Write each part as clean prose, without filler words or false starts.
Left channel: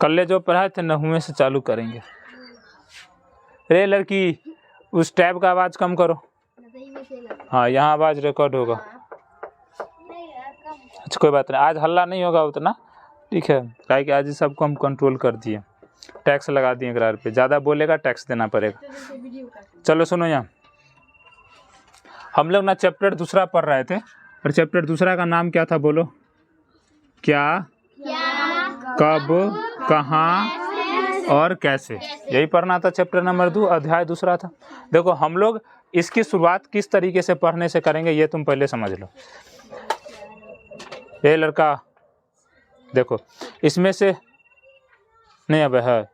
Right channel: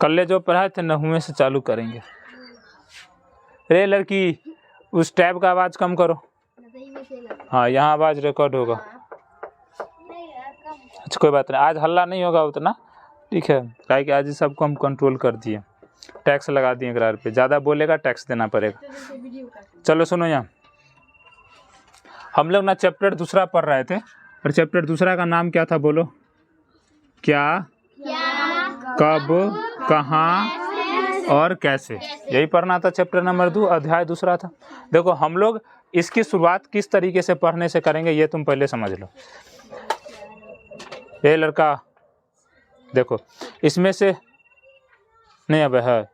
कल जो पढ़ाए थे नहुए से चालू करेंगे। रे लड़की, उस टैब का आवाज़ कम करो। हाँ, यहाँ आवाज़ रिकॉर्ड होगा। अच्छा कोई बात नहीं, आज हल्ला नहीं होगा उतना, ठीक है, क्या कि आज सबको हम कंट्रोल कर दिए, टैक्स लगा दिए करार पे, ज़्यादा बोलेगा टैक्स देना पड़ेगा। चलो सुनो, यहाँ हम लोग ना चैप्टर दूसरा पढ़ रहे थे, और चैप्टर दूसरा का नाम क्या था बोलो? क्या, कब, कहाँ और कैसे, यही पढ़ना था। चैप्टर नंबर 2 अध्याय दूसरा था। देखो हम लोग इसकी शुरुआत किस तरीके से पढ़ने से करेंगे ये तुम पहले समझ लो। ये लड़का देखो, इसमें से नहीं अब है,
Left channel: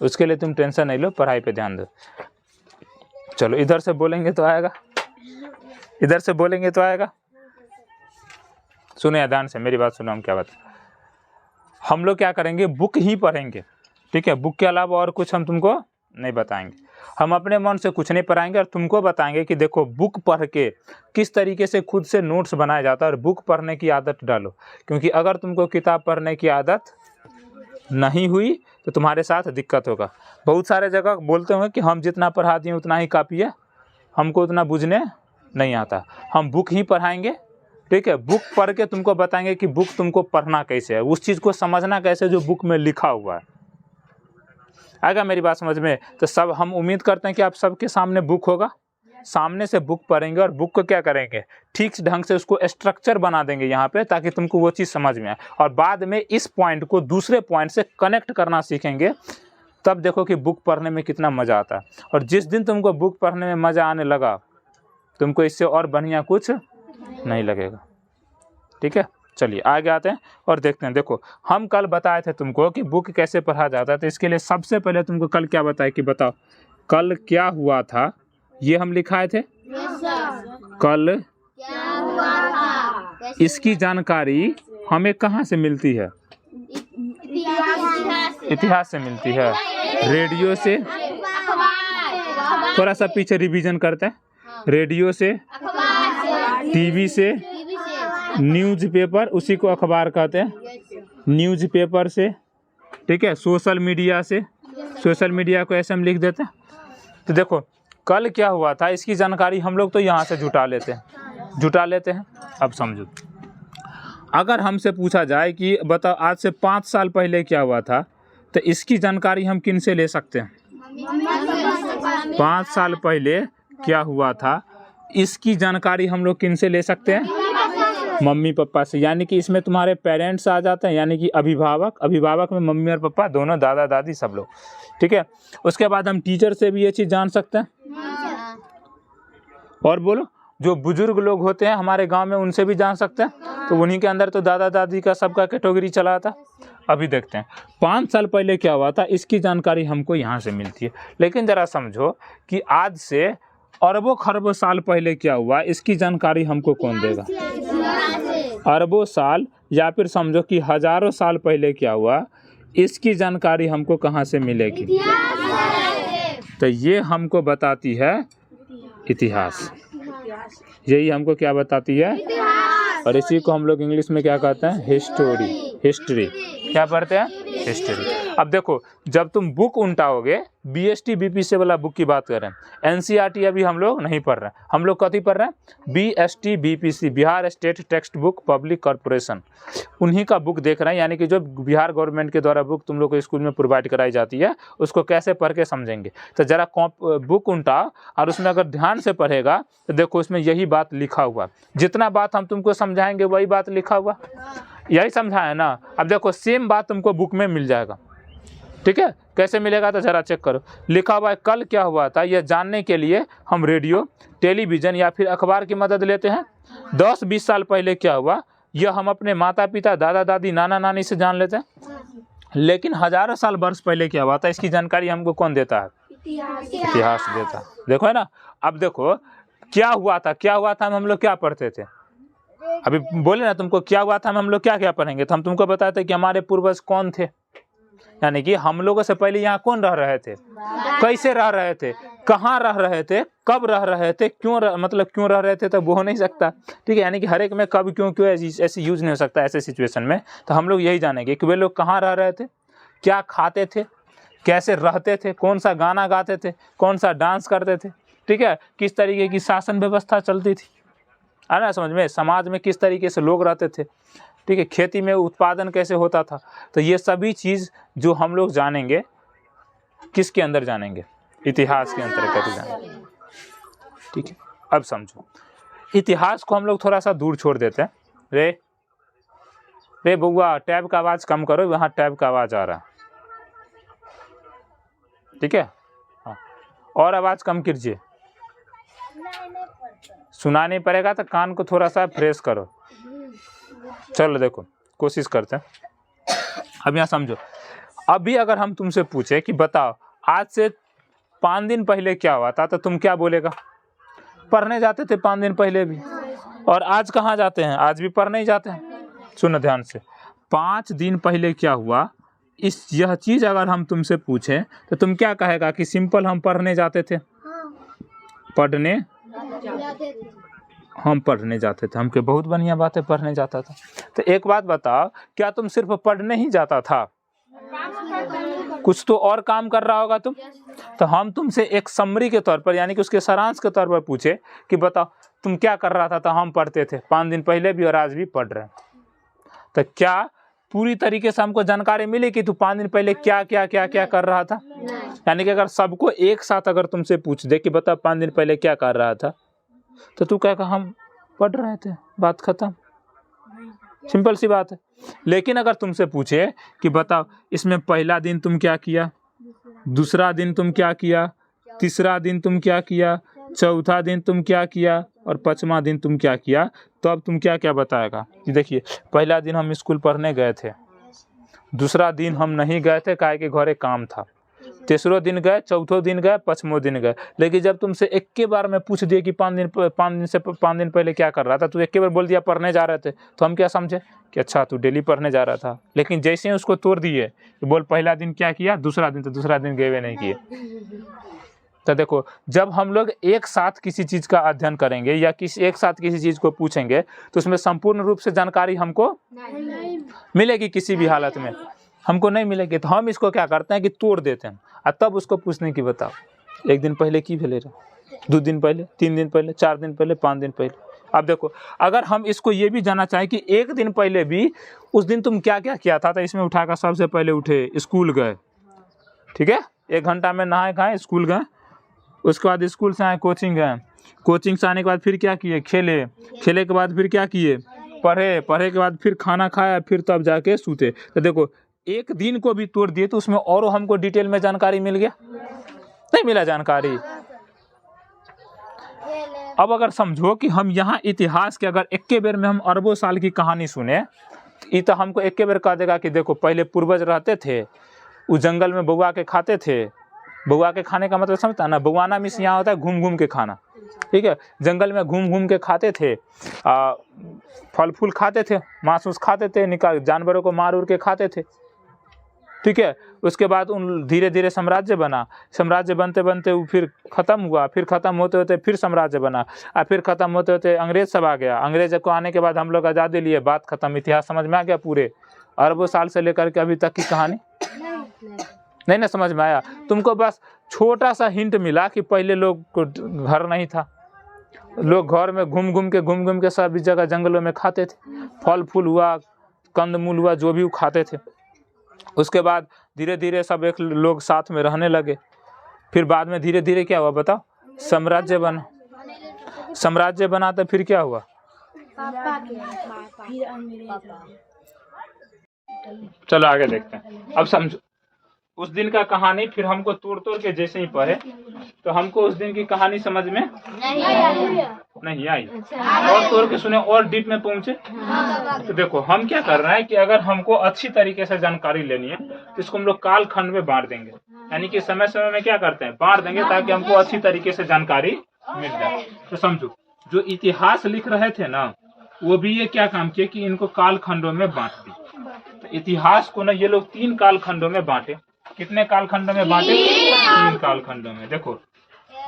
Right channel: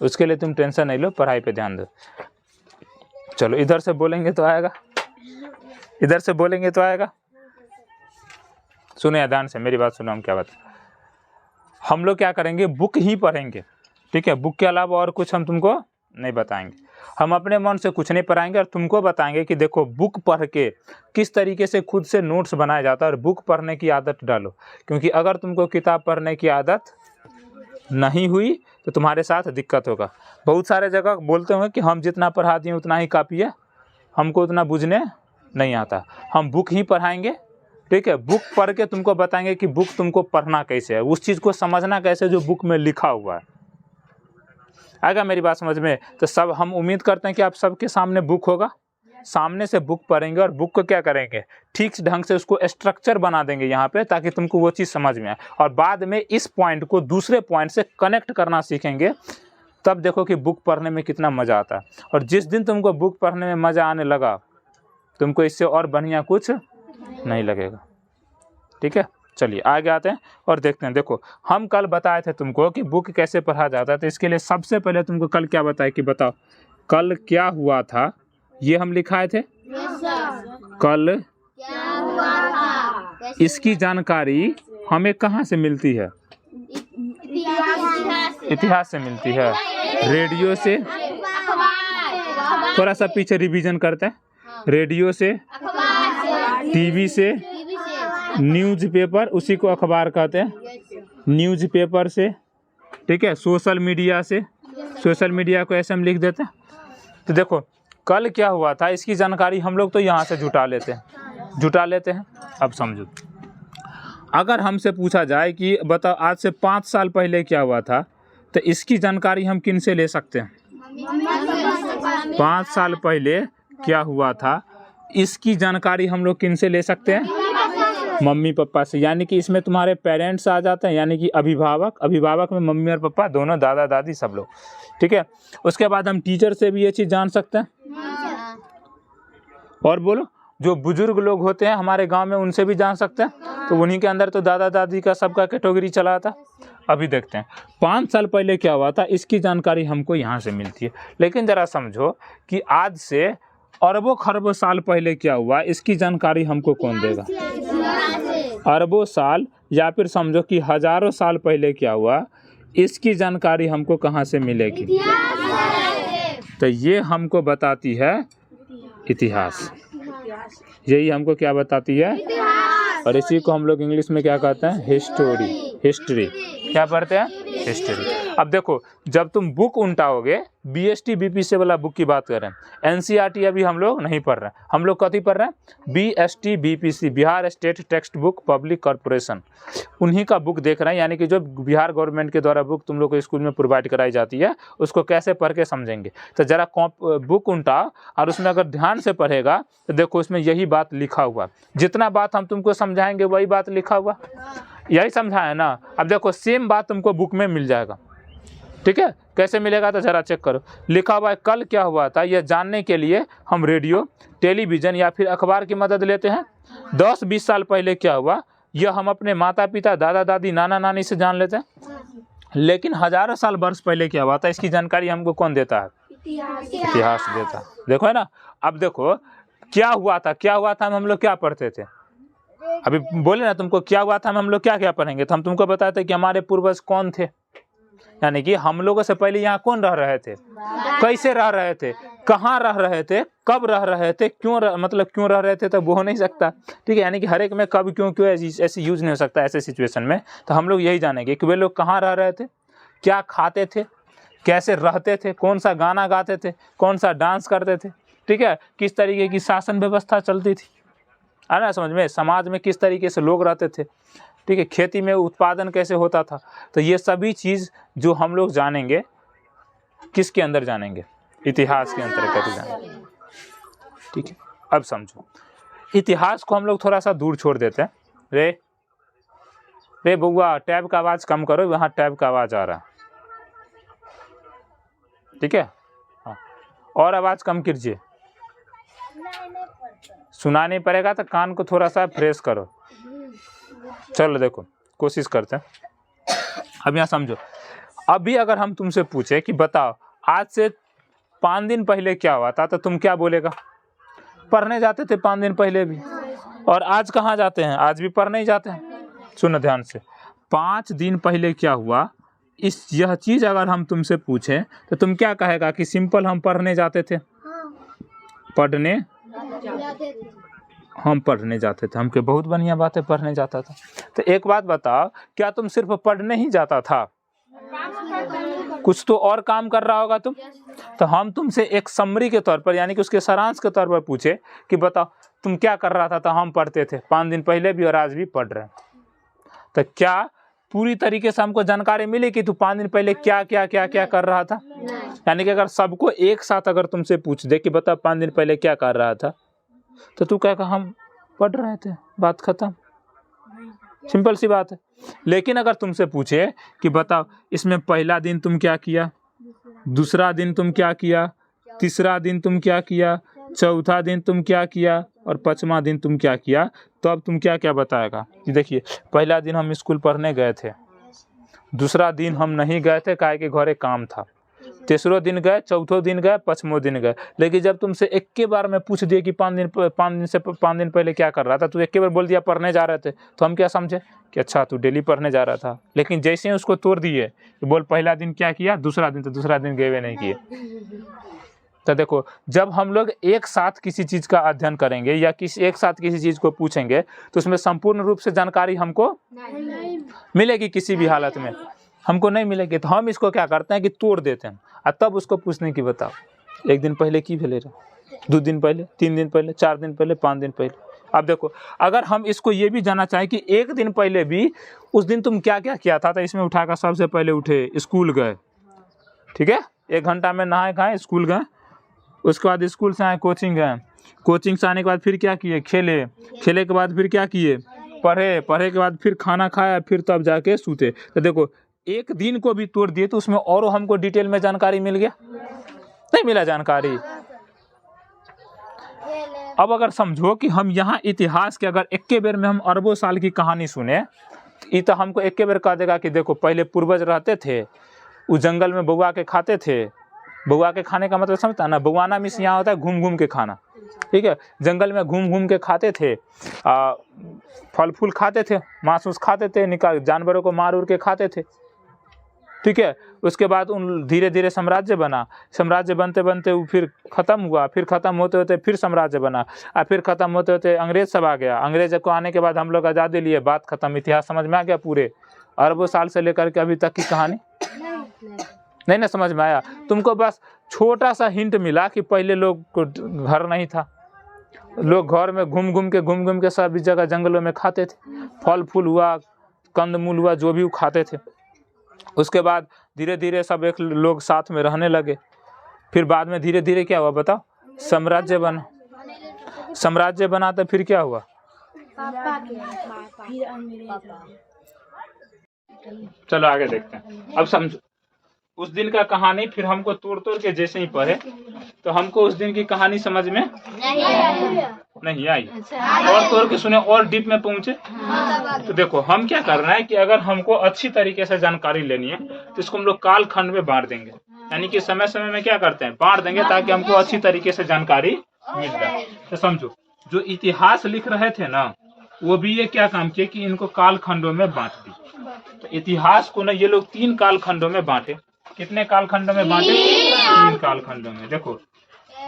उसके लिए तुम टेंशन नहीं लो, पढ़ाई पे ध्यान दो। चलो इधर से बोलेंगे तो आएगा, इधर से बोलेंगे तो आएगा। सुनो ध्यान से, मेरी बात सुनो, हम क्या बात, हम लोग क्या करेंगे, बुक ही पढ़ेंगे, ठीक है। बुक के अलावा और कुछ हम तुमको नहीं बताएंगे, हम अपने मन से कुछ नहीं पढ़ाएंगे, और तुमको बताएंगे कि देखो बुक पढ़ के किस तरीके से खुद से नोट्स बनाया जाता है, और बुक पढ़ने की आदत डालो। क्योंकि अगर तुमको किताब पढ़ने की आदत नहीं हुई तो तुम्हारे साथ दिक्कत होगा। बहुत सारे जगह बोलते हैं कि हम जितना पढ़ा दिए उतना ही काफ़ी है, हमको उतना बुझने नहीं आता। हम बुक ही पढ़ाएंगे, ठीक है। बुक पढ़ के तुमको बताएंगे कि बुक तुमको पढ़ना कैसे है, उस चीज़ को समझना कैसे जो बुक में लिखा हुआ है। आएगा मेरी बात समझ में? तो सब हम उम्मीद करते हैं कि आप सबके सामने बुक होगा, सामने से बुक पढ़ेंगे, और बुक को क्या करेंगे, ठीक ढंग से उसको स्ट्रक्चर बना देंगे यहाँ पे, ताकि तुमको वो चीज़ समझ में आए। और बाद में इस पॉइंट को दूसरे पॉइंट से कनेक्ट करना सीखेंगे, तब देखो कि बुक पढ़ने में कितना मज़ा आता है। और जिस दिन तुमको बुक पढ़ने में मज़ा आने लगा, तुमको इससे और बढ़िया कुछ नहीं लगेगा, ठीक है। चलिए आगे आते हैं और देखते हैं। देखो हम कल बताए थे तुमको कि बुक कैसे पढ़ा जाता है, तो इसके लिए सबसे पहले तुमको कल क्या बताया कि बताओ कल क्या हुआ था, ये हम लिखाए थे। कल क्या हुआ था, इसकी जानकारी हमें कहाँ से मिलती है? इतिहास से मिलती है, रेडियो से। थोड़ा सा पीछे रिवीजन करते हैं। रेडियो से, टीवी से, न्यूज़पेपर, उसी को अखबार कहते हैं, न्यूज़पेपर से, ठीक है। सोशल मीडिया से, सोशल मीडिया को ऐसे हम लिख देते हैं। तो देखो कल क्या हुआ था इसकी जानकारी हम लोग तो यहाँ से जुटा लेते हैं। अब समझो, अगर हमसे पूछा जाए कि बताओ आज से 5 साल पहले क्या हुआ था, तो इसकी जानकारी हम किन से ले सकते हैं? 5 साल पहले क्या हुआ था इसकी जानकारी हम लोग किन से ले सकते हैं? मम्मी पापा से। यानी कि इसमें तुम्हारे पेरेंट्स आ जाते हैं, यानी कि अभिभावक में मम्मी और पापा दोनों, दादा दादी सब लोग, ठीक है। उसके बाद हम टीचर से भी ये चीज़ जान सकते हैं। और बोलो, जो बुजुर्ग लोग होते हैं हमारे गांव में, उनसे भी जान सकते हैं। तो उन्हीं के अंदर तो दादा दादी का सबका कैटेगरी चला था। अभी देखते हैं 5 साल पहले क्या हुआ था, इसकी जानकारी हमको यहाँ से मिलती है। लेकिन ज़रा समझो कि आज से अरबों खरबों साल पहले क्या हुआ, इसकी जानकारी हमको कौन देगा? अरबों साल, या फिर समझो कि हजारों साल पहले क्या हुआ, इसकी जानकारी हमको कहाँ से मिलेगी? तो ये हमको बताती है इतिहास। यही हमको क्या बताती है? और इसी को हम लोग इंग्लिश में क्या कहते हैं? हिस्ट्री। क्या पढ़ते हैं? हिस्ट्री। अब देखो जब तुम बुक उल्टाओगे, BST BPC वाला बुक की बात कर रहे हैं, NCERT अभी हम लोग नहीं पढ़ रहे हैं। हम लोग कथी पढ़ रहे हैं? BST BPC, Bihar state text book public corporation, उन्हीं का बुक देख रहे हैं। यानी कि जो बिहार गवर्नमेंट के द्वारा बुक तुम लोग को स्कूल में प्रोवाइड कराई जाती है, उसको कैसे पढ़ के समझेंगे। तो जरा बुक उल्टा, और उसमें अगर ध्यान से पढ़ेगा तो देखो उसमें यही बात लिखा हुआ, जितना बात हम तुमको समझाएंगे वही बात लिखा हुआ, यही समझाए ना। अब देखो सेम बात तुमको बुक में मिल जाएगा, ठीक है। कैसे मिलेगा तो जरा चेक करो। लिखा हुआ है कल क्या हुआ था, यह जानने के लिए हम रेडियो, टेलीविज़न या फिर अखबार की मदद लेते हैं। 10-20 साल पहले क्या हुआ, यह हम अपने माता पिता, दादा दादी, नाना नानी से जान लेते हैं। लेकिन हजारों साल वर्ष पहले क्या हुआ था, इसकी जानकारी हमको कौन देता है? इतिहास देता। देखो है ना। अब देखो क्या हुआ था हम लोग क्या पढ़ते थे? अभी बोले ना तुमको क्या हुआ था, हम लोग क्या क्या पढ़ेंगे। तो हम तुमको बताते कि हमारे पूर्वज कौन थे, यानी कि हम लोगों से पहले यहाँ कौन रह रहे थे, कैसे रह रहे थे, कहाँ रह रहे थे, कब रह रहे थे, मतलब क्यों रह रहे थे, तो वो हो नहीं सकता। ठीक है, यानी कि हर एक में कब क्यों क्यों ऐसे यूज नहीं हो सकता ऐसे सिचुएशन में। तो हम लोग यही जानेंगे कि वे लोग कहाँ रह रहे थे, क्या खाते थे, कैसे रहते थे, कौन सा गाना गाते थे, कौन सा डांस करते थे, ठीक है, किस तरीके की शासन व्यवस्था चलती थी, है ना, समझ में, समाज में किस तरीके से लोग रहते थे, ठीक है, खेती में उत्पादन कैसे होता था। तो ये सभी चीज़ जो हम लोग जानेंगे किसके अंदर जानेंगे, इतिहास के अंतर्गत जानेंगे। ठीक है, अब समझो, इतिहास को हम लोग थोड़ा सा दूर छोड़ देते हैं। रे बउआ, टैब का आवाज़ कम करो, वहाँ टैब का आवाज़ आ रहा है। ठीक है, हाँ, और आवाज़ कम कीजिए, सुना नहीं पड़ेगा तो कान को थोड़ा सा फ्रेश करो। चलो देखो, कोशिश करते हैं। अब यहाँ समझो, अभी अगर हम तुमसे पूछे कि बताओ आज से 5 दिन पहले क्या हुआ था, तो तुम क्या बोलेगा? पढ़ने जाते थे 5 दिन पहले भी, और आज कहाँ जाते हैं, आज भी पढ़ने ही जाते हैं। सुनो ध्यान से, 5 दिन पहले क्या हुआ, यह चीज़ अगर हम तुमसे पूछें तो तुम क्या कहेगा कि सिंपल हम पढ़ने जाते थे, हम पढ़ने जाते थे। हमके बहुत बढ़िया बात है, पढ़ने जाता था। तो एक बात बताओ, क्या तुम सिर्फ पढ़ने ही जाता था, कुछ तो और काम कर रहा होगा तुम? तो हम तुमसे एक समरी के तौर पर, यानी कि उसके सारांश के तौर पर पूछे कि बताओ तुम क्या कर रहा था, तो हम पढ़ते थे 5 दिन पहले भी और आज भी पढ़ रहे हैं। तो क्या पूरी तरीके से हमको जानकारी मिली कि तू 5 दिन पहले क्या क्या क्या क्या कर रहा था? यानी कि अगर सबको एक साथ अगर तुमसे पूछ दे कि बता 5 दिन पहले क्या कर रहा था, तो तू कहेगा हम पढ़ रहे थे, बात खत्म, सिंपल सी बात है। लेकिन अगर तुमसे पूछे कि बताओ इसमें पहला दिन तुम क्या किया, दूसरा दिन तुम क्या किया, तीसरा दिन तुम क्या किया, चौथा दिन तुम क्या किया और 5वां दिन तुम क्या किया, तो अब तुम क्या क्या बताएगा कि देखिए पहला दिन हम स्कूल पढ़ने गए थे, दूसरा दिन हम नहीं गए थे काहे के घरे काम था, तीसरो दिन गए, चौथो दिन गए, 5वां दिन गए। लेकिन जब तुमसे एक के बार में पूछ दिए कि 5 दिन पहले क्या कर रहा था, तो एक के बार बोल दिया पढ़ने जा रहे थे, तो हम क्या समझे कि अच्छा तू डेली पढ़ने जा रहा था। लेकिन जैसे ही उसको तोड़ दिए कि बोल पहला दिन क्या किया, दूसरा दिन, तो दूसरा दिन गए नहीं किए। तो देखो, जब हम लोग एक साथ किसी चीज़ का अध्ययन करेंगे या एक साथ किसी चीज़ को पूछेंगे तो उसमें संपूर्ण रूप से जानकारी हमको मिलेगी, किसी भी हालत में हमको नहीं मिलेगी। तो हम इसको क्या करते हैं कि तोड़ देते हैं और तब उसको पूछने की बताओ 1 दिन पहले की भेले रहे, 2 दिन पहले, 3 दिन पहले, 4 दिन पहले, 5 दिन पहले। अब देखो, अगर हम इसको ये भी जानना चाहें कि 1 दिन पहले भी उस दिन तुम क्या क्या किया था, तो इसमें उठाकर सबसे पहले उठे, स्कूल गए, ठीक है, 1 घंटा में नहाए खाए स्कूल गए, उसके बाद स्कूल से आए कोचिंग गए, कोचिंग से आने के बाद फिर क्या किए, खेले, खेले के बाद फिर क्या किए, पढ़े, पढ़े के बाद फिर खाना खाया, फिर तब जाके सूते। तो देखो 1 दिन को भी तोड़ दिए तो उसमें और हमको डिटेल में जानकारी मिल गया, नहीं मिला जानकारी। अब अगर समझो कि हम यहाँ इतिहास के अगर एक के बेर में हम अरबों साल की कहानी सुने, तो हमको एक के बेर कह देगा कि देखो पहले पूर्वज रहते थे, उस जंगल में बउआ के खाते थे। बउआ के खाने का मतलब समझता ना, बउआना मीन्स यहाँ होता है घूम घूम के खाना, ठीक है, जंगल में घूम घूम के खाते थे, फल फूल खाते थे, मांस उस खाते थे, निकाल जानवरों को मार उड़ के खाते थे, ठीक है। उसके बाद उन धीरे धीरे साम्राज्य बना, साम्राज्य बनते बनते वो फिर ख़त्म हुआ, फिर ख़त्म होते होते फिर साम्राज्य बना, और फिर ख़त्म होते होते अंग्रेज सब आ गया। अंग्रेज को आने के बाद हम लोग आज़ादी लिए, बात ख़त्म, इतिहास समझ में आ गया। पूरे अरबों साल से लेकर के अभी तक की कहानी नहीं ना समझ में आया तुमको? बस छोटा सा हिंट मिला कि पहले लोग को घर नहीं था, लोग घर में घूम घूम के सब जगह जंगलों में खाते थे, फल फूल हुआ, कंदमूल हुआ, जो भी वो खाते थे। उसके बाद धीरे धीरे सब एक लोग साथ में रहने लगे, फिर बाद में धीरे धीरे क्या हुआ बताओ, साम्राज्य बना, साम्राज्य बना तो फिर क्या हुआ, चलो आगे देखते हैं। अब समझो उस दिन का कहानी, फिर हमको तोड़ तोड़ के जैसे ही पढ़े तो हमको उस दिन की कहानी समझ में नहीं आई, और तोड़ के सुने और डीप में पहुंचे। तो देखो हम क्या कर रहे हैं कि अगर हमको अच्छी तरीके से जानकारी लेनी है तो इसको हम लोग काल खंड में बांट देंगे, यानी कि समय समय में क्या करते हैं, बांट देंगे ताकि हमको अच्छी तरीके से जानकारी मिल जाए। तो समझो जो इतिहास लिख रहे थे ना, वो भी ये क्या काम किए कि इनको काल खंडों में बांट दी। तो इतिहास को ना ये लोग 3 काल खंडों में बांटे। कितने काल खंडों में बांटे? 3 काल खंडों में। देखो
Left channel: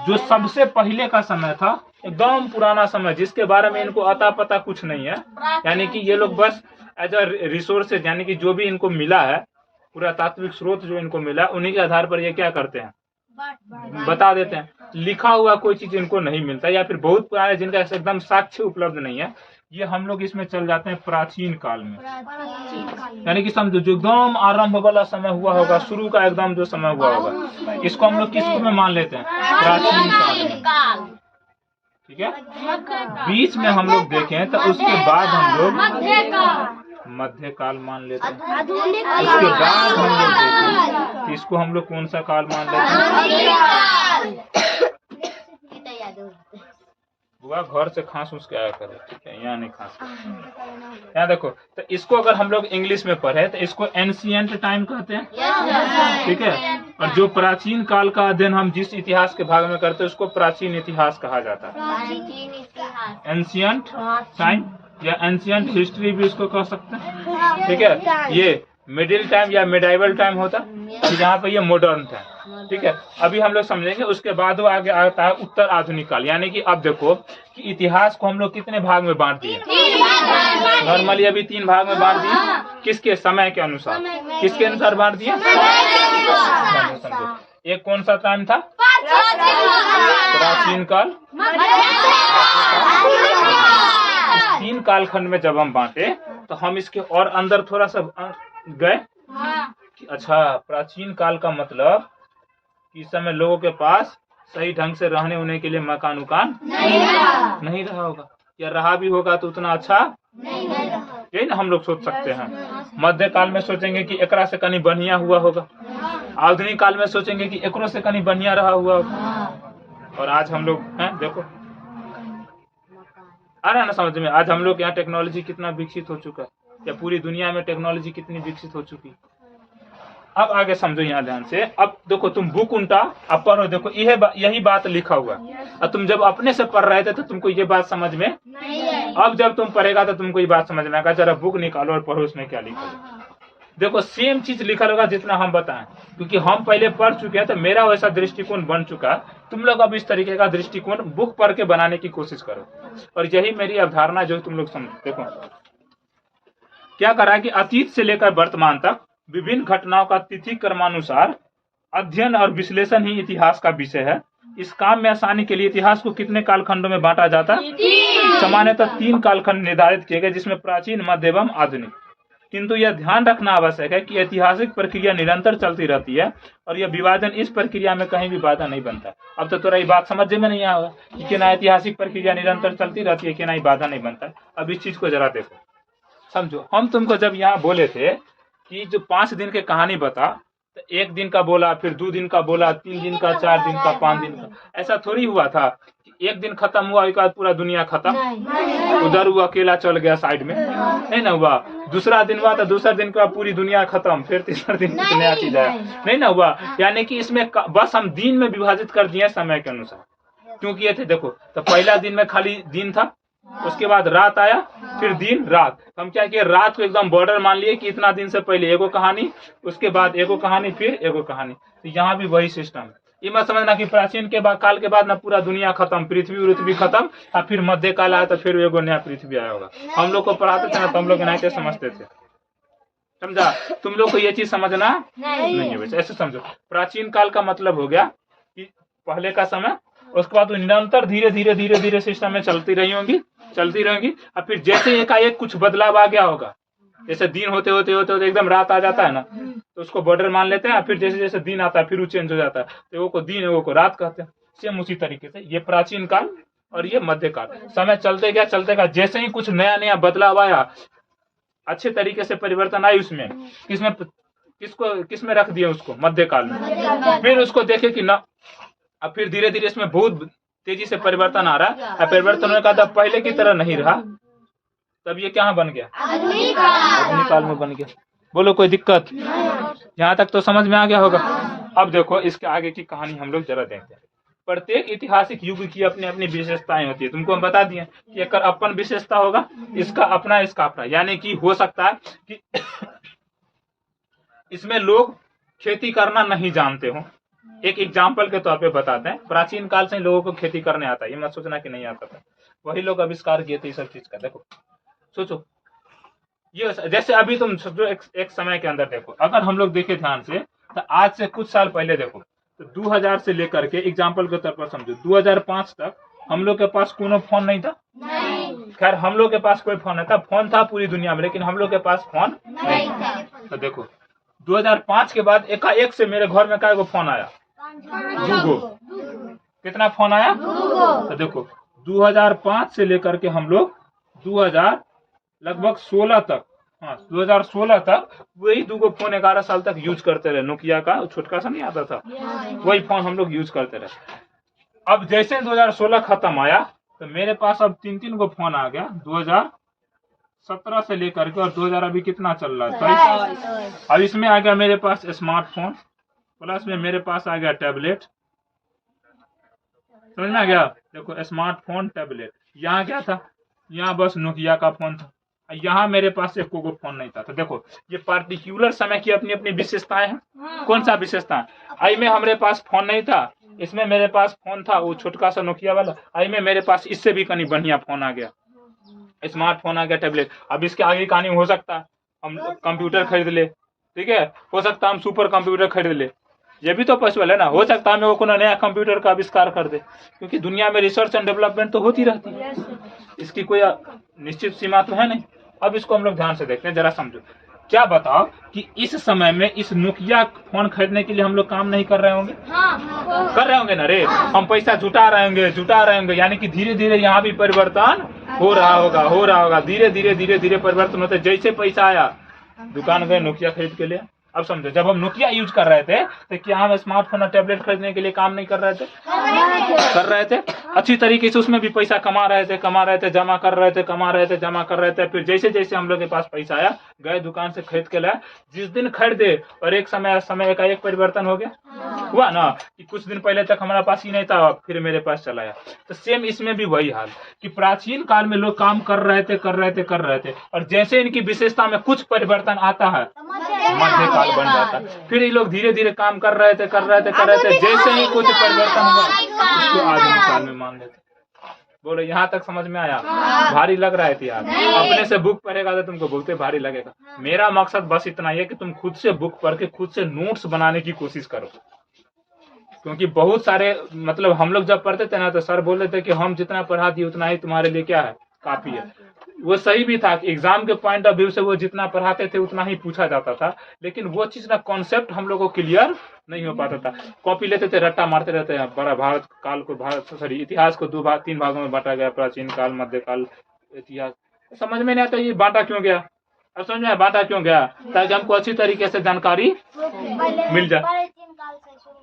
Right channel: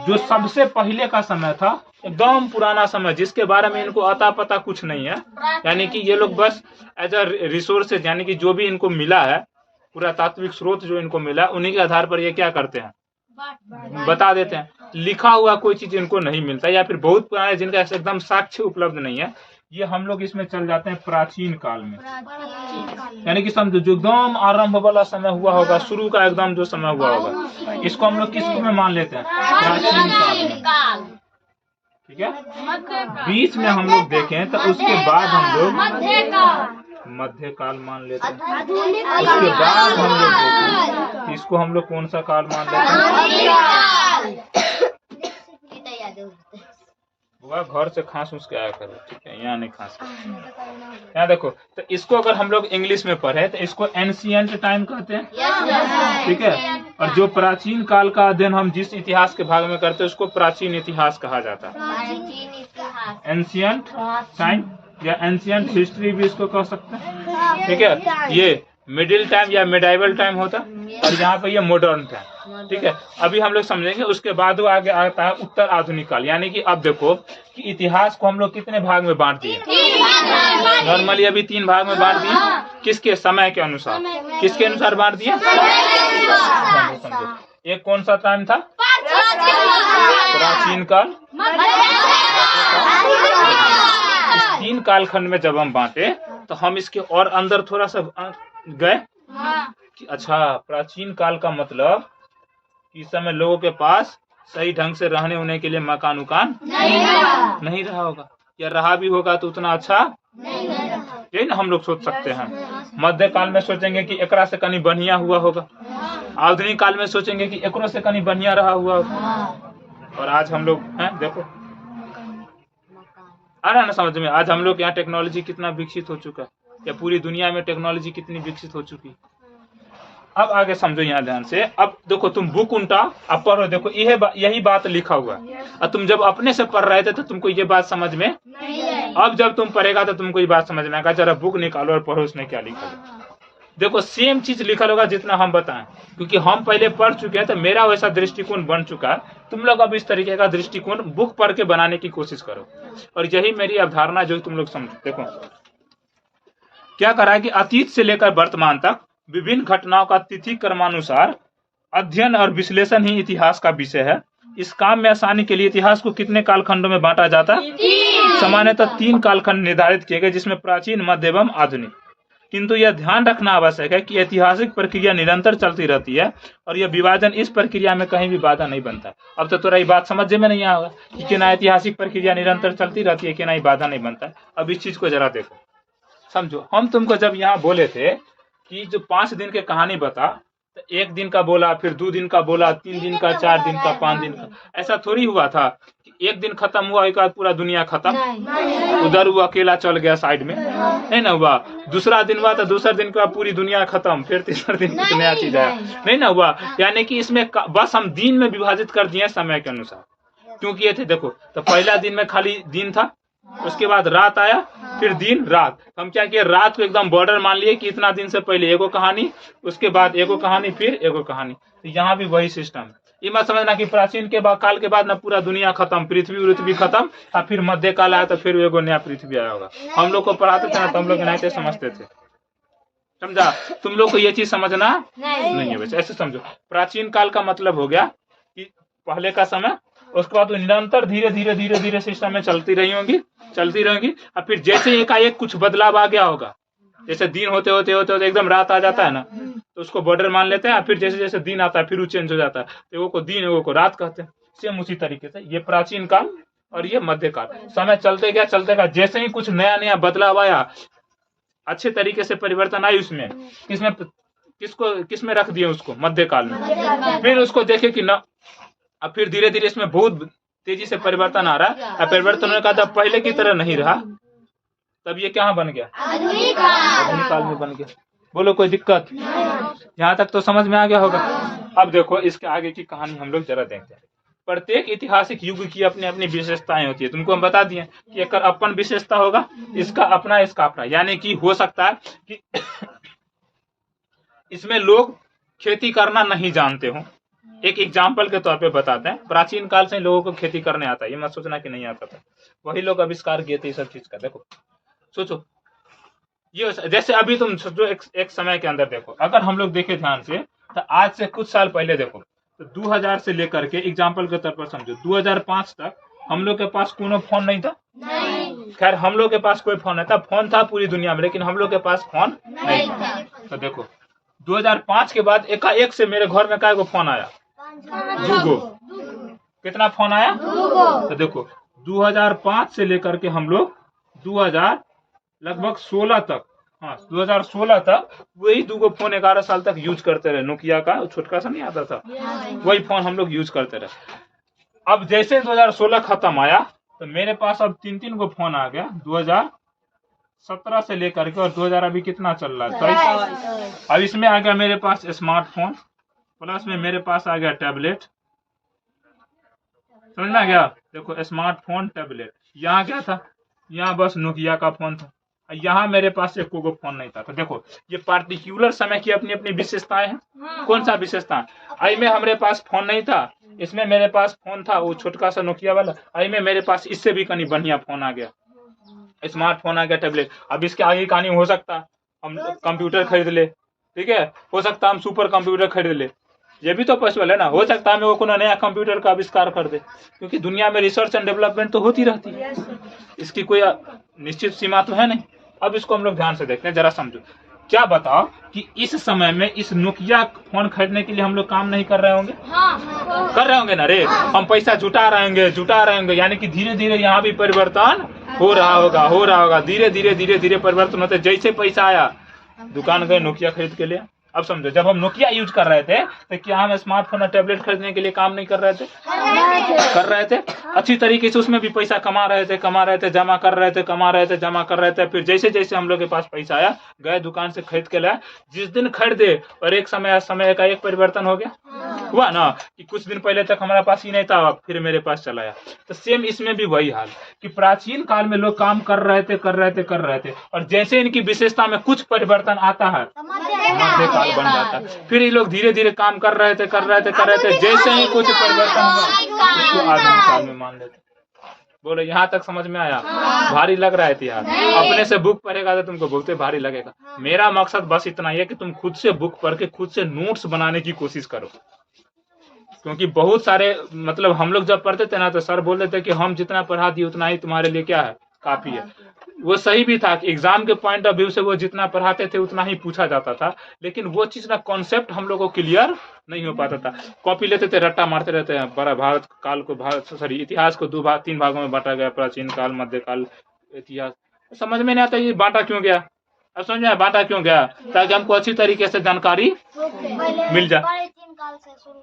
जो सबसे पहले का समय था, एकदम पुराना समय, जिसके बारे में इनको अता पता कुछ नहीं है, यानी कि ये लोग बस एज अ रिसोर्सेज, यानी कि जो भी इनको मिला है, पूरा तात्विक स्रोत जो इनको मिला, उन्हीं के आधार पर ये क्या करते हैं, बता देते हैं। लिखा हुआ कोई चीज इनको नहीं मिलता, या फिर बहुत पुराने जिनका एकदम साक्ष्य उपलब्ध नहीं है, ये हम लोग इसमें चल जाते हैं प्राचीन काल में। यानी कि समझो जो एकदम आरंभ वाला समय हुआ होगा, शुरू का एकदम जो समय हुआ होगा, इसको हम लोग किस में मान लेते हैं, प्राचीन काल। ठीक है, बीच में हम लोग देखें तो उसके बाद हम लोग मध्यकाल मान लेते हैं। उसके बाद हम लोग देखें तो इसको हम लोग कौन सा काल मान लेते हैं। बुआ घर से खांस उसके आया करो, ठीक है, यहाँ नहीं खांस। यहाँ देखो, तो इसको अगर हम लोग इंग्लिश में पढ़े तो इसको एंशिएंट टाइम कहते हैं, ठीक है। और जो प्राचीन काल का अध्ययन हम जिस इतिहास के भाग में करते हैं उसको प्राचीन इतिहास कहा जाता है, एंशिएंट टाइम या एंशिएंट हिस्ट्री भी इसको कह सकते हैं, ठीक है। ये मिडिल टाइम या मिडाइवल टाइम होता है, और यहाँ पे ये मॉडर्न टाइम, ठीक है। अभी हम लोग समझेंगे, उसके बाद वो आगे आता है उत्तर आधुनिक काल। यानी कि अब देखो कि इतिहास को हम लोग कितने भाग में बांट दिए, नॉर्मली अभी 3 भाग में बांट दिए। किसके, समय के अनुसार, किसके अनुसार बांट दिए, एक कौन सा टाइम था, प्राचीन काल। इस 3 कालखंड में जब हम बांटे तो हम इसके और अंदर थोड़ा सा गए कि अच्छा, प्राचीन काल का मतलब कि इस समय लोगों के पास सही ढंग से रहने होने के लिए मकान उकान नहीं रहा होगा, या रहा भी होगा तो उतना अच्छा नहीं ना, हम लोग सोच सकते हैं। मध्य काल में सोचेंगे कि एकरा से कहीं बढ़िया हुआ होगा, आधुनिक काल में सोचेंगे कि एकरो से कहीं बढ़िया रहा हुआ होगा। और आज हम लोग हैं, देखो आ रहा है ना समझ में, आज हम लोग यहाँ टेक्नोलॉजी कितना विकसित हो चुका है, या पूरी दुनिया में टेक्नोलॉजी कितनी विकसित हो चुकी है। अब आगे समझो यहाँ ध्यान से। अब देखो तुम बुक उल्टा अब पढ़ो, देखो यही बात लिखा हुआ है, और तुम जब अपने से पढ़ रहे थे तो तुमको ये बात समझ में अब जब तुम पढ़ेगा तो तुमको ये बात समझ में आएगा। जरा बुक निकालो और पढ़ो उसमें क्या लिखा है। देखो सेम चीज लिखा होगा जितना हम बताएं, क्योंकि हम पहले पढ़ चुके हैं तो मेरा वैसा दृष्टिकोण बन चुका। तुम लोग अब इस तरीके का दृष्टिकोण बुक पढ़ के बनाने की कोशिश करो, और यही मेरी अवधारणा जो तुम लोग समझो। देखो क्या करा कि अतीत से लेकर वर्तमान तक विभिन्न घटनाओं का तिथि क्रमानुसार अध्ययन और विश्लेषण ही इतिहास का विषय है। इस काम में आसानी के लिए इतिहास को कितने कालखंडों में बांटा जाता है, सामान्यतः 3 कालखंड निर्धारित किए गए, जिसमें प्राचीन, मध्य एवं आधुनिक। किंतु यह ध्यान रखना आवश्यक है कि ऐतिहासिक प्रक्रिया निरंतर चलती रहती है, और यह विभाजन इस प्रक्रिया में कहीं भी बाधा नहीं बनता। अब तो थोड़ा ये बात समझ में नहीं आया कि ना ऐतिहासिक प्रक्रिया निरंतर चलती रहती है, कि ना ही बाधा नहीं बनता है। अब इस चीज को जरा देखो, समझो। हम तुमको जब यहाँ बोले थे कि जो 5 दिन की कहानी बता, तो 1 दिन का बोला, फिर 2 दिन का बोला, 3 दिन का, 4 दिन का, 5 दिन का, ऐसा थोड़ी हुआ था कि 1 दिन खत्म हुआ एक बाद पूरा दुनिया खत्म, उधर वो अकेला चल गया साइड में, नहीं ना हुआ। दूसरा दिन हुआ तो दूसरा दिन का पूरी दुनिया खत्म, फिर तीसरा दिन कुछ नया चीज आया, नहीं ना हुआ। यानी कि इसमें बस हम दिन में विभाजित कर दिए समय के अनुसार, क्योंकि ये थे देखो, तो पहला दिन में खाली दिन था, उसके बाद रात आया, फिर दिन, रात। हम क्या किए, रात को एकदम बॉर्डर मान लिए कि इतना दिन से पहले एगो कहानी, उसके बाद एगो कहानी, फिर एगो कहानी। तो यहाँ भी वही सिस्टम है। ये मत समझना कि प्राचीन के बाद, काल के बाद ना पूरा दुनिया खत्म, पृथ्वी खत्म, और फिर मध्य काल आया तो फिर एगो नया पृथ्वी आया होगा। हम लोग को पढ़ाते थे ना, तो हम लोग नहीं थे समझते थे, समझा। तुम लोग को ये चीज समझना नहीं है, ऐसे समझो। प्राचीन काल का मतलब हो गया कि पहले का समय, उसके बाद निरंतर धीरे धीरे धीरे धीरे सिस्टम में चलती रहेंगी, और फिर जैसे एकाएक कुछ बदलाव आ गया होगा, जैसे दिन होते होते होते होते एकदम रात आ जाता है ना, तो उसको बॉर्डर मान लेते हैं, फिर जैसे जैसे दिन आता है फिर वो चेंज हो जाता है, एगो को दिन एगो को रात कहते हैं। सेम उसी तरीके से ये प्राचीन काल और ये मध्यकाल, समय चलते गया, जैसे ही कुछ नया नया बदलाव आया, अच्छे तरीके से परिवर्तन आई उसमें, किसमें रख दिए उसको, मध्यकाल में। फिर उसको देखे कि ना, अब फिर धीरे धीरे इसमें बहुत तेजी से परिवर्तन आ रहा है, परिवर्तन होने का तब पहले की तरह नहीं रहा, तब ये क्या बन गया, आधुनिक काल में बन गया। बोलो कोई दिक्कत, यहाँ तक तो समझ में आ गया होगा। अब देखो इसके आगे की कहानी हम लोग जरा देखते हैं। प्रत्येक ऐतिहासिक युग की अपनी अपनी विशेषताएं होती है। तुमको हम बता दिए कि एक अपन विशेषता होगा, इसका अपना, इसका अपना। यानी कि हो सकता है कि इसमें लोग खेती करना नहीं जानते हो, एक एग्जाम्पल के तौर पे बताते हैं। प्राचीन काल से लोगों को खेती करने आता है, ये मत सोचना कि नहीं आता था, वही लोग आविष्कार किए थे ये सब चीज का। देखो सोचो, ये जैसे अभी तुम सोचो एक समय के अंदर देखो, अगर हम लोग देखे ध्यान से तो आज से कुछ साल पहले देखो तो 2000 से लेकर के एग्जाम्पल के तौर पर समझो 2005 तक हम लोग के पास कोनो फोन नहीं था। खैर हम लोग के पास कोई फोन नहीं था, फोन था पूरी दुनिया में, लेकिन हम लोग के पास फोन नहीं था। तो देखो 2005 के बाद एकाएक से मेरे घर में क्या एगो फोन आया, दूगो। कितना फोन आया? तो देखो 2005 से लेकर के हम लोग 2000 लगभग 16 तक, हाँ 2016 तक वही दूगो फोन 11 साल तक यूज करते रहे। नोकिया का छोटका सा नहीं आता था, वही फोन हम लोग यूज करते रहे। अब जैसे 2016 खत्म आया तो मेरे पास अब 3 गो फोन आ गया 2017 से लेकर के, और 2000 अभी कितना चल रहा है 23। अब इसमें आ गया मेरे पास स्मार्टफोन, प्लस में मेरे पास आ गया टैबलेट। समझ में आ गया? देखो स्मार्टफोन टैबलेट, यहाँ क्या था, यहाँ बस नोकिया का फोन था, यहाँ मेरे पास एक को फोन नहीं था। तो देखो ये पार्टिकुलर समय की अपनी अपनी विशेषताएं हैं। कौन सा विशेषता? आई में हमारे पास फोन नहीं था, इसमें मेरे पास फोन था वो छोटका सा नोकिया वाला, आई में मेरे पास इससे भी कहीं बढ़िया फोन आ गया, स्मार्टफोन आ गया, टैबलेट। अब इसके आगे कहानी हो सकता हम कंप्यूटर खरीद ले, ठीक है, हो सकता हम सुपर कंप्यूटर खरीद ले, ये भी तो पॉसिबल है ना। हो सकता है वो नया कंप्यूटर का आविष्कार कर दे, क्योंकि दुनिया में रिसर्च एंड डेवलपमेंट तो होती रहती है, इसकी कोई निश्चित सीमा तो है नहीं। अब इसको हम लोग ध्यान से देखते हैं, जरा समझो। क्या बताओ कि इस समय में इस नोकिया फोन खरीदने के लिए हम लोग काम नहीं कर रहे होंगे? कर रहे होंगे ना रे, हम पैसा जुटा रहे होंगे, यानी कि धीरे धीरे यहाँ भी परिवर्तन हो रहा होगा, धीरे धीरे परिवर्तन होते। जैसे पैसा आया दुकान गए नोकिया खरीद के लिए। अब समझो जब हम नोकिया यूज कर रहे थे तो क्या हम स्मार्टफोन और टैबलेट खरीदने के लिए काम नहीं कर रहे थे? कर रहे थे। अच्छी तरीके से उसमें भी पैसा कमा रहे थे, जमा कर रहे थे। फिर जैसे जैसे हम लोग के पास पैसा आया, गए दुकान से खरीद के लाए, जिस दिन खरीदे और एक समय का एक परिवर्तन हो गया, हुआ ना कि कुछ दिन पहले तक हमारे पास ही नहीं था, फिर मेरे पास चला आया। तो सेम इसमें भी वही हाल कि प्राचीन काल में लोग काम कर रहे थे, और जैसे इनकी विशेषता में कुछ परिवर्तन आता है मध्यकाल बन जाता है। फिर ये लोग धीरे धीरे काम कर रहे थे, जैसे ही कुछ परिवर्तन हुआ इसको आधुनिक काल में मान लेते। बोलो यहाँ तक समझ में आया? भारी लग रहा है यार? अपने से बुक पढ़ेगा तो तुमको बोलते भारी लगेगा। मेरा मकसद बस इतना ही है कि तुम खुद से बुक पढ़ के खुद से नोट्स बनाने की कोशिश करो, क्योंकि बहुत सारे मतलब हम लोग जब पढ़ते थे ना तो सर बोलते थे कि हम जितना पढ़ा दिए उतना ही तुम्हारे लिए क्या है, काफी है। वो सही भी था कि एग्जाम के पॉइंट ऑफ व्यू से वो जितना पढ़ाते थे उतना ही पूछा जाता था, लेकिन वो चीज ना कॉन्सेप्ट हम लोगों को क्लियर नहीं हो पाता था। कॉपी लेते थे, रट्टा मारते रहते हैं। बड़ा भारत काल को इतिहास को 3 भागों में बांटा गया, प्राचीन काल, मध्यकाल, इतिहास। समझ में नहीं आता ये बांटा क्यों गया? अब समझ में बांटा क्यों गया? ताकि हमको अच्छी तरीके से जानकारी मिल जाए।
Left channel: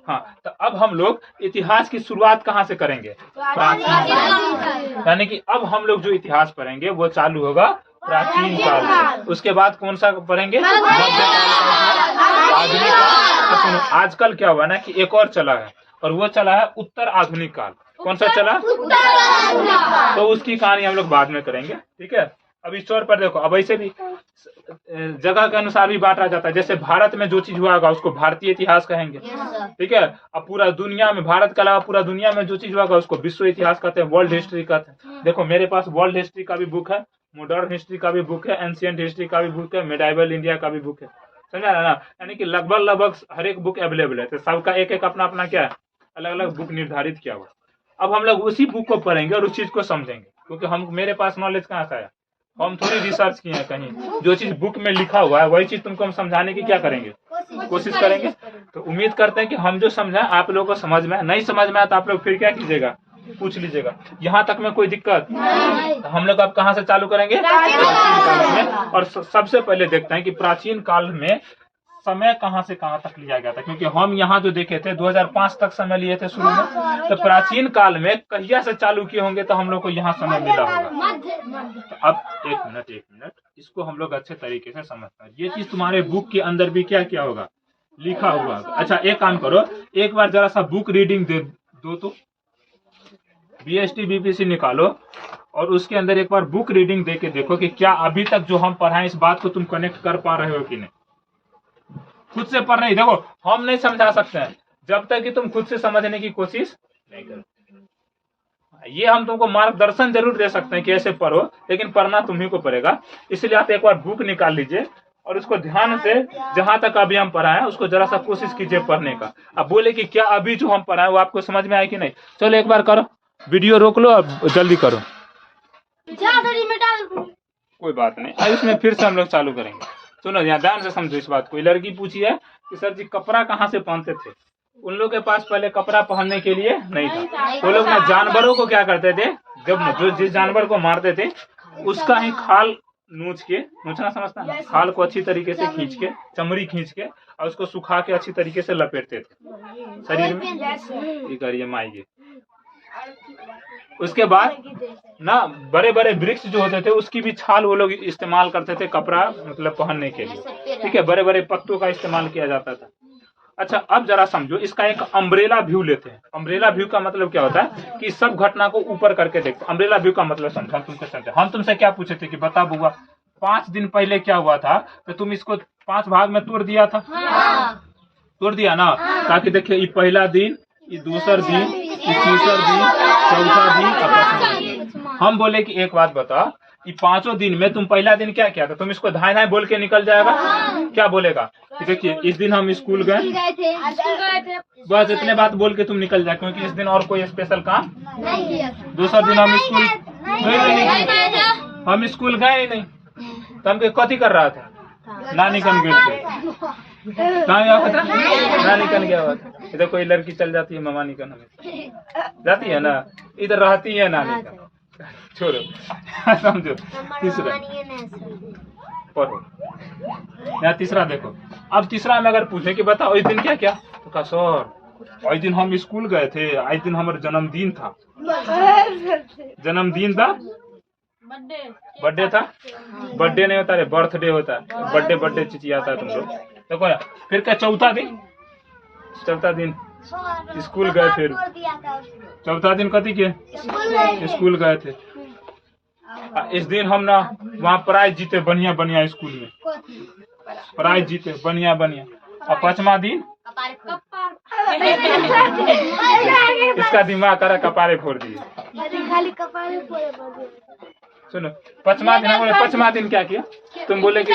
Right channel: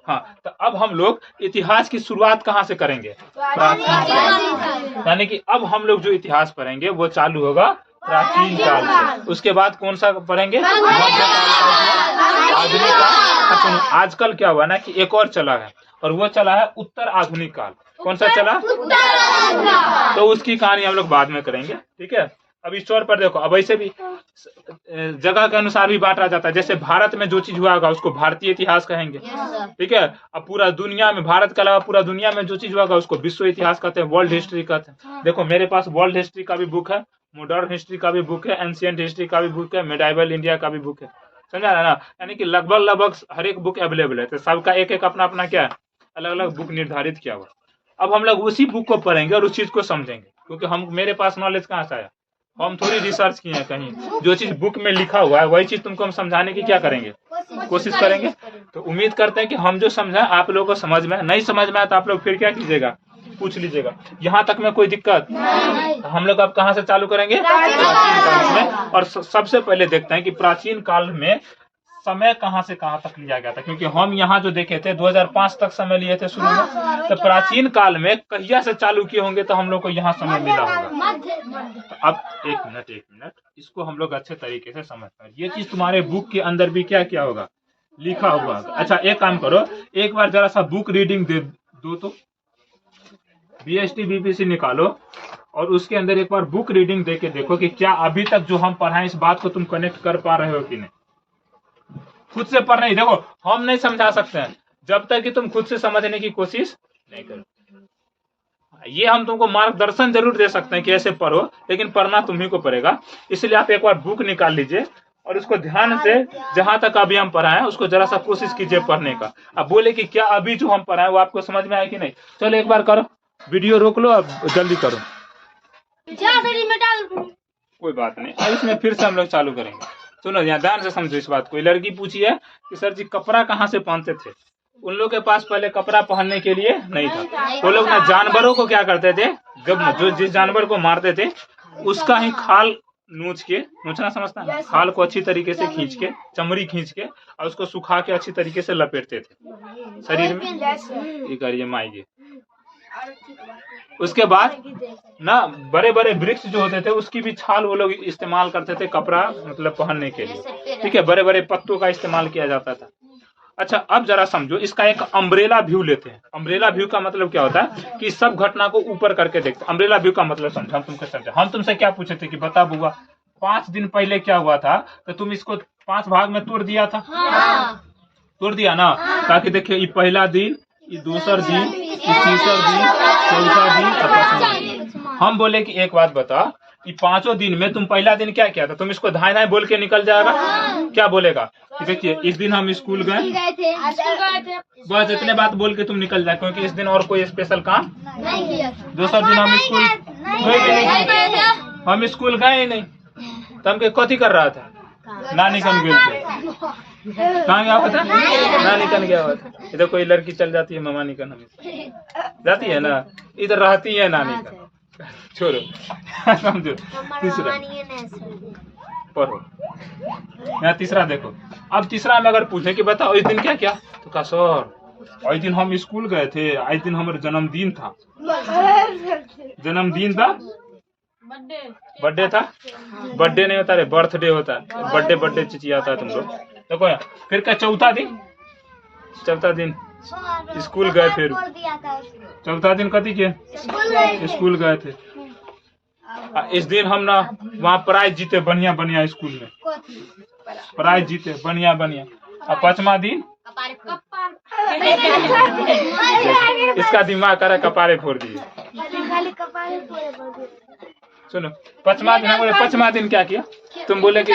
हाँ, तो अब हम लोग इतिहास की शुरुआत कहाँ से करेंगे? प्राचीन, यानी कि अब हम लोग जो इतिहास पढ़ेंगे वो चालू होगा प्राचीन काल से। उसके बाद कौन सा पढ़ेंगे? मध्यकाल का, आधुनिक काल। सुनो आजकल क्या हुआ ना कि एक और चला है, और वो चला है उत्तर आधुनिक काल। कौन सा चला? तो उसकी कहानी हम लोग बाद में करेंगे, ठीक है। अब इस तौर पर देखो, अब ऐसे भी जगह के अनुसार भी बांटा जाता है। जैसे भारत में जो चीज हुआ होगा उसको भारतीय इतिहास कहेंगे, ठीक है। अब पूरा दुनिया में, भारत के अलावा पूरा दुनिया में जो चीज हुआ होगा उसको विश्व इतिहास कहते हैं, वर्ल्ड हिस्ट्री कहते हैं। देखो मेरे पास वर्ल्ड हिस्ट्री का भी बुक है, मॉडर्न हिस्ट्री का भी बुक है, एंशिएंट हिस्ट्री का भी बुक है, मेडाइवल इंडिया का भी बुक है। समझा ना? यानी कि लगभग हर एक बुक अवेलेबल है। तो सबका एक एक अपना अपना क्या है, अलग अलग बुक निर्धारित किया हुआ। अब हम लोग उसी बुक को पढ़ेंगे और उस चीज को समझेंगे, क्योंकि हम मेरे पास नॉलेज कहाँ से आया? हम थोड़ी रिसर्च किए हैं कहीं। जो चीज बुक में लिखा हुआ है वही चीज तुमको हम समझाने की क्या करेंगे, कोशिश करेंगे। तो उम्मीद करते हैं कि हम जो समझा आप लोगों को समझ में, नहीं समझ में आया तो आप लोग फिर क्या कीजिएगा, पूछ लीजिएगा। यहाँ तक में कोई दिक्कत? तो हम लोग अब कहाँ से चालू करेंगे? प्राचीन काल में। और सबसे पहले देखते हैं कि प्राचीन काल में समय कहाँ से कहाँ तक लिया गया था, क्योंकि हम यहाँ जो देखे थे 2005 तक समय लिए थे शुरू में, तो प्राचीन काल में कहिया से चालू किए होंगे तो हम लोग को यहाँ समय मिला होगा। तो अब एक मिनट इसको हम लोग अच्छे तरीके से समझ पाए। ये चीज तुम्हारे बुक के अंदर भी क्या क्या होगा, लिखा हुआ होगा। अच्छा एक काम करो, एक बार जरा सा बुक रीडिंग दो तो BST BPC निकालो और उसके अंदर एक बार बुक रीडिंग दे के देखो कि क्या अभी तक जो हम पढ़ाएं इस बात को तुम कनेक्ट कर पा रहे हो कि नहीं। खुद से पढ़ नहीं, देखो हम नहीं समझा सकते हैं। जब तक कि तुम खुद से समझने की कोशिश नहीं करो। ये हम तुमको मार्गदर्शन जरूर दे सकते हैं कि ऐसे पढ़ो, लेकिन पढ़ना तुम्ही को पड़ेगा। इसलिए आप एक बार बुक निकाल लीजिए और उसको ध्यान से जहां तक अभी हम पढ़ाए उसको जरा सा कोशिश कीजिए पढ़ने का। अब बोले कि क्या अभी जो हम पढ़ाए वो आपको समझ में आया कि नहीं? चलो एक बार करो, वीडियो रोक लो, अब जल्दी करो। कोई बात नहीं, अब इसमें फिर से हम लोग चालू करेंगे। सुनो यहाँ ध्यान से समझो इस बात को। लड़की पूछी है कि सर जी कपड़ा कहाँ से पहनते थे? उन लोग के पास पहले कपड़ा पहनने के लिए नहीं था। वो लोग ना जानवरों को क्या करते थे, जब जो जिस जानवर को मारते थे उसका ही खाल नोच के, नोचना समझता है, खाल को अच्छी तरीके से खींच के, चमड़ी खींच के और उसको सुखा के अच्छी तरीके से लपेटते थे शरीर में। ये करिए माइए। उसके बाद ना बड़े बड़े वृक्ष जो होते थे उसकी भी छाल वो लोग इस्तेमाल करते थे कपड़ा मतलब पहनने के लिए। ठीक है, बड़े बड़े पत्तों का इस्तेमाल किया जाता था। अच्छा अब जरा समझो, इसका एक अम्ब्रेला व्यू लेते हैं। अम्ब्रेला व्यू का मतलब क्या होता है कि सब घटना को ऊपर करके देखते हैं। अम्ब्रेला व्यू का मतलब समझो, हम तुमको समझे। हम तुमसे क्या पूछे थे कि बता बुआ 5 दिन पहले क्या हुआ था, तो तुम इसको 5 भाग में तोड़ दिया था। तोड़ दिया ना, ताकि देखिए ये पहला दिन, ये दूसरा दिन, ये तीसरा दिन, चौथा दिन और पांचवा दिन। हम बोले कि एक बात बता, कि 5 दिन में तुम पहला दिन क्या किया था? तुम इसको धाय धाय बोल के निकल जाएगा। क्या बोलेगा कि देखिए इस दिन हम स्कूल गए थे, बस इतने बात बोल के तुम निकल जाए, क्योंकि इस दिन और कोई स्पेशल काम नहीं किया। दूसरा दिन हम स्कूल हम स्कूल गए ही नहीं, तो हम कथी कर रहा था? नानी कन गए थे। कहाँ गया हुआ था? नानी कन गया हुआ था। इधर कोई लड़की चल जाती है मामा निकन, हमें जाती है ना, इधर रहती है नानी का। छोड़ो समझो। तीसरा पढ़ो, यहाँ तीसरा देखो। अब तीसरा में अगर पूछे कि बताओ इस दिन क्या क्या, तो कहा सर इस दिन हम स्कूल गए थे, इस दिन हमारा जन्मदिन था। जन्मदिन था, बर्थडे था। बर्थडे नहीं होता रे, बर्थडे होता है। बर्थडे बर्थडे चिचियाता है तुम लोग। देखो यार, फिर क्या चौथा दिन? चौथा दिन स्कूल गए। फिर चौथा दिन कथी के? स्कूल गए थे। इस दिन हम ना वहाँ प्राइज जीते बढ़िया बढ़िया, स्कूल में प्राइज जीते बढ़िया बढ़िया। और 5वां दिन इसका दिमाग करा कपारे फोड़ दिए। सुनो 5वां दिन, हम 5वां दिन क्या किया? तुम बोले कि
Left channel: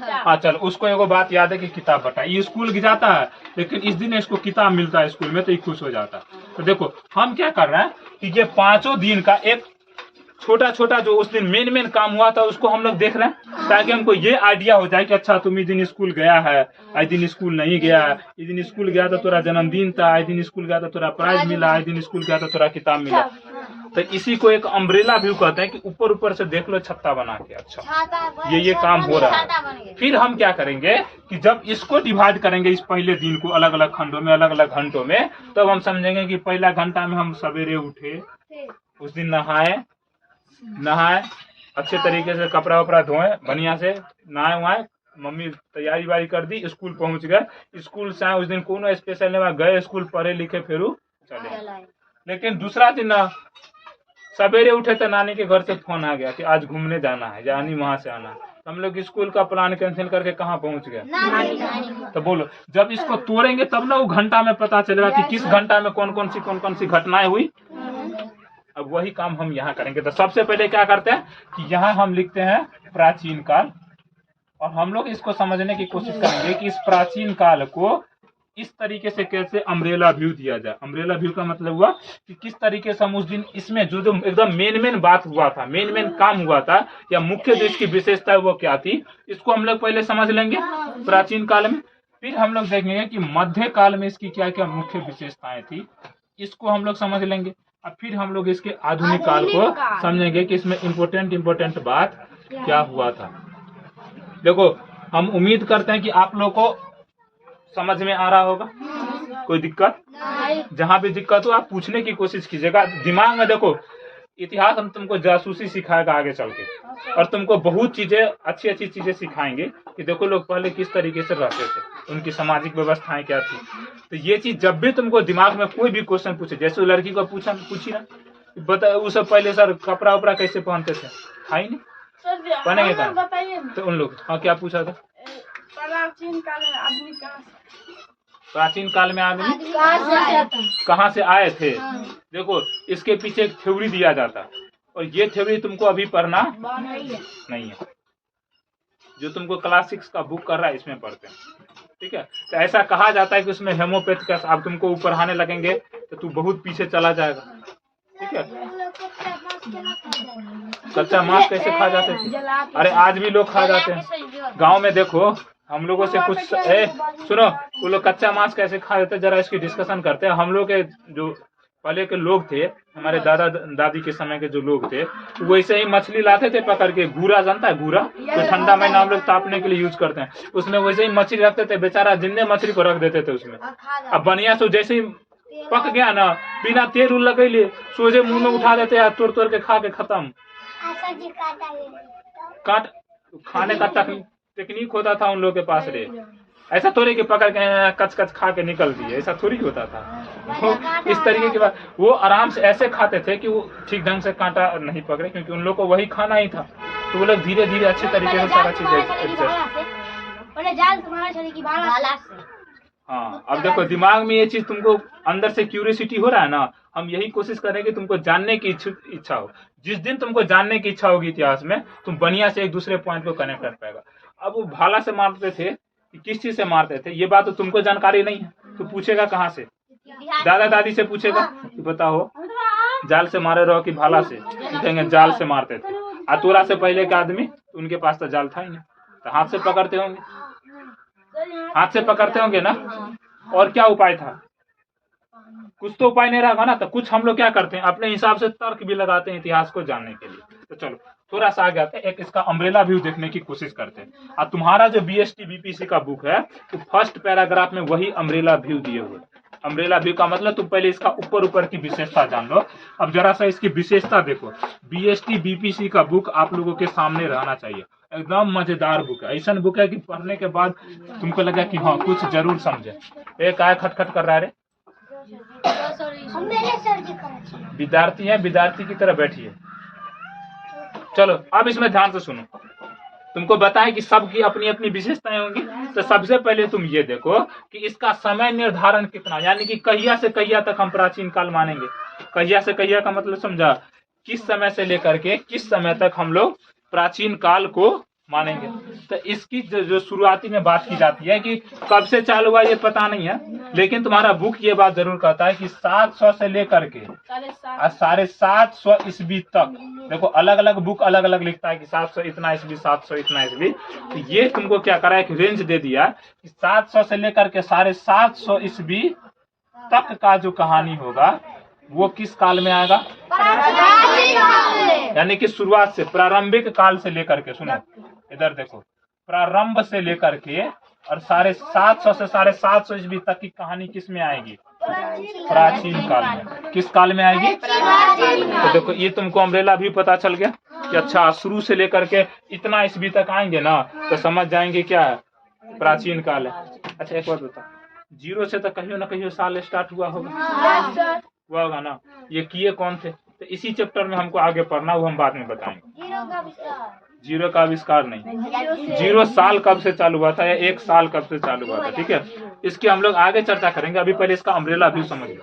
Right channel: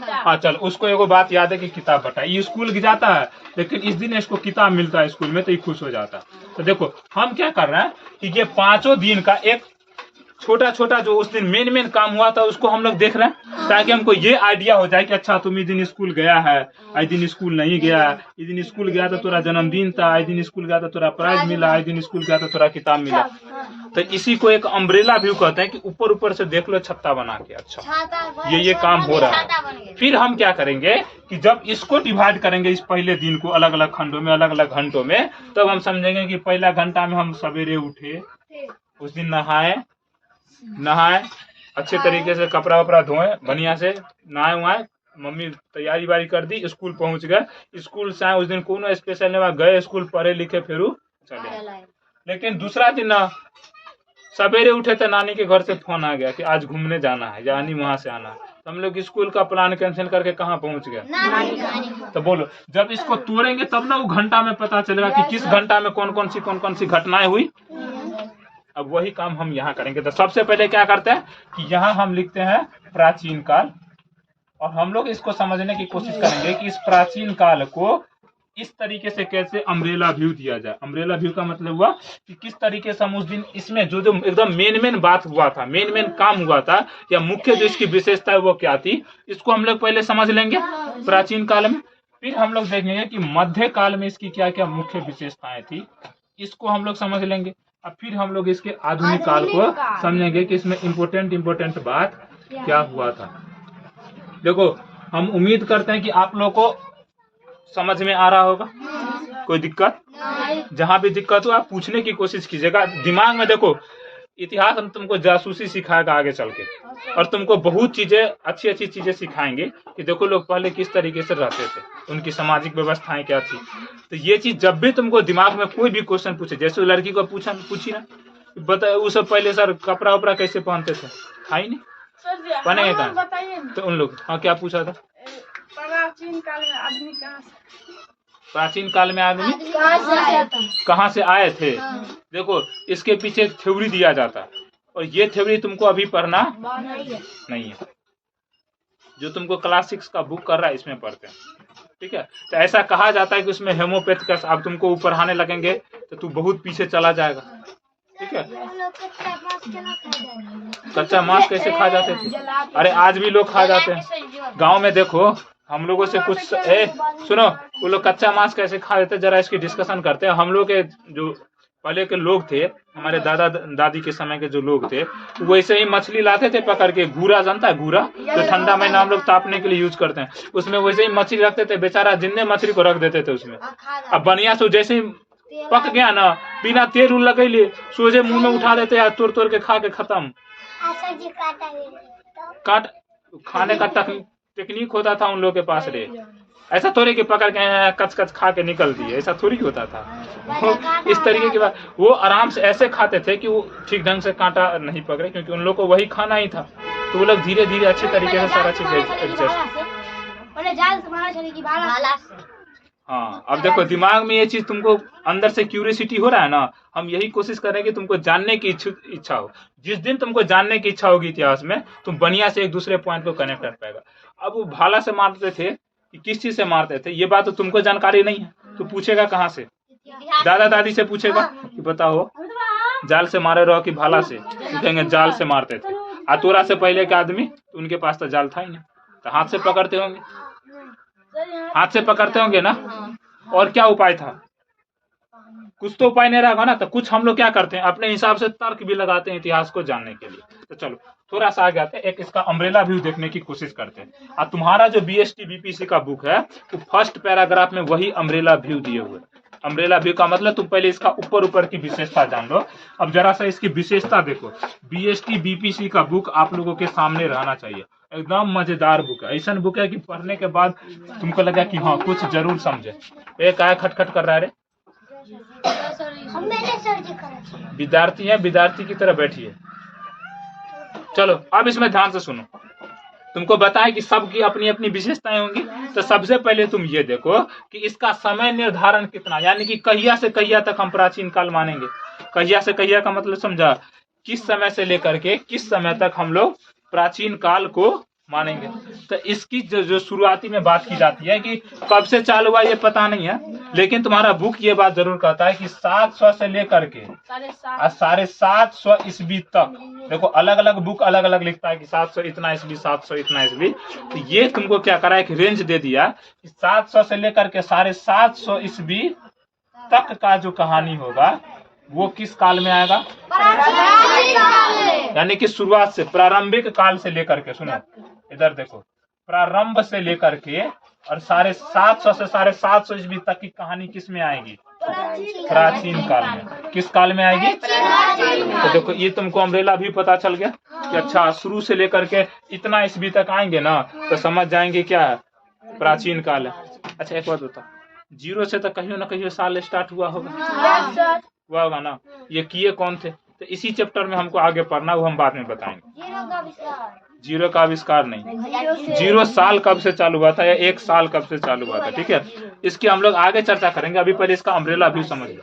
हाँ चल, उसको एगो बात याद है कि किताब बटा। ये स्कूल जाता है लेकिन इस दिन इसको किताब मिलता है स्कूल में, तो ये खुश हो जाता है। तो देखो हम क्या कर रहे हैं कि ये 5 दिन का एक छोटा छोटा जो उस दिन मेन काम हुआ था उसको हम लोग देख रहे हैं, ताकि हमको ये आइडिया हो जाए कि अच्छा तुम इस दिन स्कूल गया है, इस दिन स्कूल नहीं गया, इस दिन स्कूल गया तो तेरा जन्मदिन था, इस दिन स्कूल गया तो तेरा प्राइज मिला, इस दिन स्कूल गया तो तेरा किताब मिला। तो इसी को एक अम्ब्रेला व्यू कहते हैं कि ऊपर ऊपर से देख लो छत्ता बना के। अच्छा ये काम हो रहा है। फिर हम क्या करेंगे कि जब इसको डिवाइड करेंगे इस पहले दिन को अलग अलग खंडों में, अलग अलग घंटों में, तब हम समझेंगे कि पहला घंटा में हम सवेरे उठे, उस दिन नहाए अच्छे तरीके से, कपड़ा वपड़ा धोए बढ़िया से, नहाए वहाए, मम्मी तैयारी वारी कर दी, स्कूल पहुंच गए। स्कूल से आए, उस दिन कोनो स्पेशल नहीं गए स्कूल, पढ़े लिखे फिर चले। लेकिन दूसरा दिन ना सवेरे उठे तो नानी के घर से फोन आ गया कि आज घूमने जाना है, यानी वहां से आना है। तो हम लोग स्कूल का प्लान कैंसिल करके कहाँ पहुंच गए? तो बोलो जब इसको तोड़ेंगे तब ना वो घंटा में पता चलेगा कि किस घंटा में कौन कौन सी घटनाएं हुई। अब वही काम हम यहाँ करेंगे। तो सबसे पहले क्या करते हैं कि यहाँ हम लिखते हैं प्राचीन काल, और हम लोग इसको समझने की कोशिश करेंगे कि इस प्राचीन काल को इस तरीके से कैसे अम्ब्रेला व्यू दिया जाए। अम्ब्रेला व्यू का मतलब हुआ कि किस तरीके से हम उस दिन इसमें जो एकदम मेन बात हुआ था, मेन काम हुआ था, या मुख्य जो इसकी विशेषता है वो क्या थी, इसको हम लोग पहले समझ लेंगे प्राचीन काल में। फिर हम लोग देखेंगे कि मध्य काल में इसकी क्या क्या मुख्य विशेषताएं थी, इसको हम लोग समझ लेंगे। और फिर हम लोग इसके आधुनिक काल को समझेंगे कि इसमें इम्पोर्टेंट बात क्या हुआ था। देखो हम उम्मीद करते हैं कि आप लोगों को समझ में आ रहा होगा। कोई दिक्कत? जहाँ भी दिक्कत हो आप पूछने की कोशिश कीजिएगा। दिमाग में देखो, इतिहास हम तुमको जासूसी सिखाएगा आगे चल के, और तुमको बहुत चीजें अच्छी चीजें सिखाएंगे कि देखो लोग पहले किस तरीके से रहते थे, उनकी सामाजिक व्यवस्थाएं क्या थी। तो ये चीज जब भी तुमको दिमाग में कोई भी क्वेश्चन पूछे, जैसे लड़की को पूछी ना, बताए वो सब पहले सर कपड़ा उपड़ा कैसे पहनते थे, था ही नहीं पहने का। तो उन लोग हाँ क्या पूछा था? प्राचीन काल में आदमी कहाँ से? प्राचीन काल में आदमी कहाँ से आए थे। देखो इसके पीछे एक थ्योरी दिया जाता है और ये थ्योरी तुमको अभी पढ़ना नहीं है, जो तुमको क्लास 6 का बुक कर रहा है इसमें पढ़ते हैं, ठीक है। तो ऐसा कहा जाता है कि उसमें हेमोपैथ का अब तुमको ऊपर पढ़ाने लगेंगे तो तू बहुत पीछे चला जाएगा, ठीक है। कच्चा मांस कैसे खा जाते थे? अरे आज भी लोग खा जाते हैं। गांव में देखो हम लोगों से कुछ सुनो, वो लोग कच्चा मांस कैसे खा लेते, जरा इसकी डिस्कशन करते हैं। हम लोग के जो पहले के लोग थे, हमारे दादा दादी के समय के जो लोग थे, वैसे ही मछली लाते थे पकड़ के। घूरा जानता है? घूरा तो ठंडा महीना हम लोग तापने के लिए यूज करते हैं, उसमें वैसे ही मछली रखते थे। बेचारा जिन्ने मछली को रख देते थे उसमें। अब बढ़िया से जैसे ही पक गया ना, बिना तेल उल लगे लिए सोझे मुंह में उठा देते हैं, तोड़ तोड़ के खा के खत्म। काट खाने का टेक्निक होता था उन लोग के पास रे। ऐसा थोड़ी कि पकड़ के कच कच खा के निकल दिए, ऐसा थोड़ी होता था। इस तरीके की बात, वो आराम से ऐसे खाते थे कि वो ठीक ढंग से कांटा नहीं पकड़े, क्योंकि उन लोग को वही खाना ही था। तो वो लोग धीरे धीरे अच्छी तरीके से सारा चीज हाँ। अब देखो दिमाग में ये चीज तुमको अंदर से क्यूरियोसिटी हो रहा है ना, हम यही कोशिश कर रहे हैं कि तुमको जानने की इच्छा हो। जिस दिन तुमको जानने की इच्छा होगी इतिहास में, तुम बढ़िया से एक दूसरे पॉइंट को कनेक्ट कर पाएगा। अब वो भाला से मारते थे कि किस चीज से मारते थे, ये बात तो तुमको जानकारी नहीं है, तो पूछेगा कहाँ से? दादा दादी से पूछेगा कि बताओ जाल से मारे रहो कि भाला से? कहेंगे जाल से मारते थे। आतुरा से पहले के आदमी, उनके पास तो जाल था ही नहीं, तो हाथ से पकड़ते होंगे, हाथ से पकड़ते होंगे ना। और क्या उपाय था? कुछ तो उपाय नहीं रहा ना। तो कुछ हम लोग क्या करते हैं, अपने हिसाब से तर्क भी लगाते हैं इतिहास को जानने के लिए। तो चलो थोड़ा सा आगे आते हैं, एक इसका अम्ब्रेला व्यू देखने की कोशिश करते हैं। और तुम्हारा जो बीएसटी बीपीसी का बुक है, तो फर्स्ट पैराग्राफ में वही अम्ब्रेला व्यू दिए हुए। अम्ब्रेला व्यू का मतलब तुम पहले इसका ऊपर की विशेषता जान लो। अब जरा सा इसकी विशेषता देखो। बीएसटी बीपीसी का बुक आप लोगों के सामने रहना चाहिए, एकदम मजेदार बुक है। ऐसा बुक है कि पढ़ने के बाद तुमको लगा कि हाँ कुछ जरूर समझे। एक आया खटखट कर रहा है, विद्यार्थी है, विद्यार्थी की तरह बैठिए। चलो अब इसमें ध्यान से सुनो। तुमको बताएं कि सबकी अपनी अपनी विशेषताएं होंगी। तो सबसे पहले तुम ये देखो कि इसका समय निर्धारण कितना, यानी कि कहिया से कहिया तक हम प्राचीन काल मानेंगे। कहिया से कहिया का मतलब समझा? किस समय से लेकर के किस समय तक हम लोग प्राचीन काल को मानेंगे। तो इसकी जो शुरुआती में बात की जाती है कि कब से चालू हुआ ये पता नहीं है, लेकिन तुम्हारा बुक ये बात जरूर कहता है कि 700 से लेकर के 750 ईस्वी तक। देखो अलग अलग बुक अलग अलग लिखता है कि 700 इतना ईस्वी, 700 इतना ईस्वी। तो ये तुमको क्या करा, एक रेंज दे दिया कि 700 से लेकर के 750 ईस्वी तक का जो कहानी होगा वो किस काल में आएगा? यानी कि शुरुआत से, प्रारंभिक काल से लेकर के, सुनो इधर देखो, प्रारंभ से लेकर के और 750 से 750 ईस्वी तक की कहानी किस में आएगी? प्राचीन काल में। किस काल में आएगी? तो देखो ये तुमको अम्ब्रेला भी पता चल गया कि अच्छा शुरू से लेकर के इतना ईस्वी तक आएंगे ना, तो समझ जाएंगे क्या है, प्राचीन काल है। अच्छा एक बात बता, 0 से तो कहीं ना कहीं साल स्टार्ट हुआ होगा, हुआ होगा ना। ये किए कौन थे? तो इसी चैप्टर में हमको आगे पढ़ना, वो हम बाद में बताएंगे। 0 का आविष्कार नहीं, 0 साल कब से चालू हुआ था या 1 साल कब से चालू हुआ था, ठीक है। इसकी हम लोग आगे चर्चा करेंगे, अभी पहले इसका अम्ब्रेला भी समझ लो।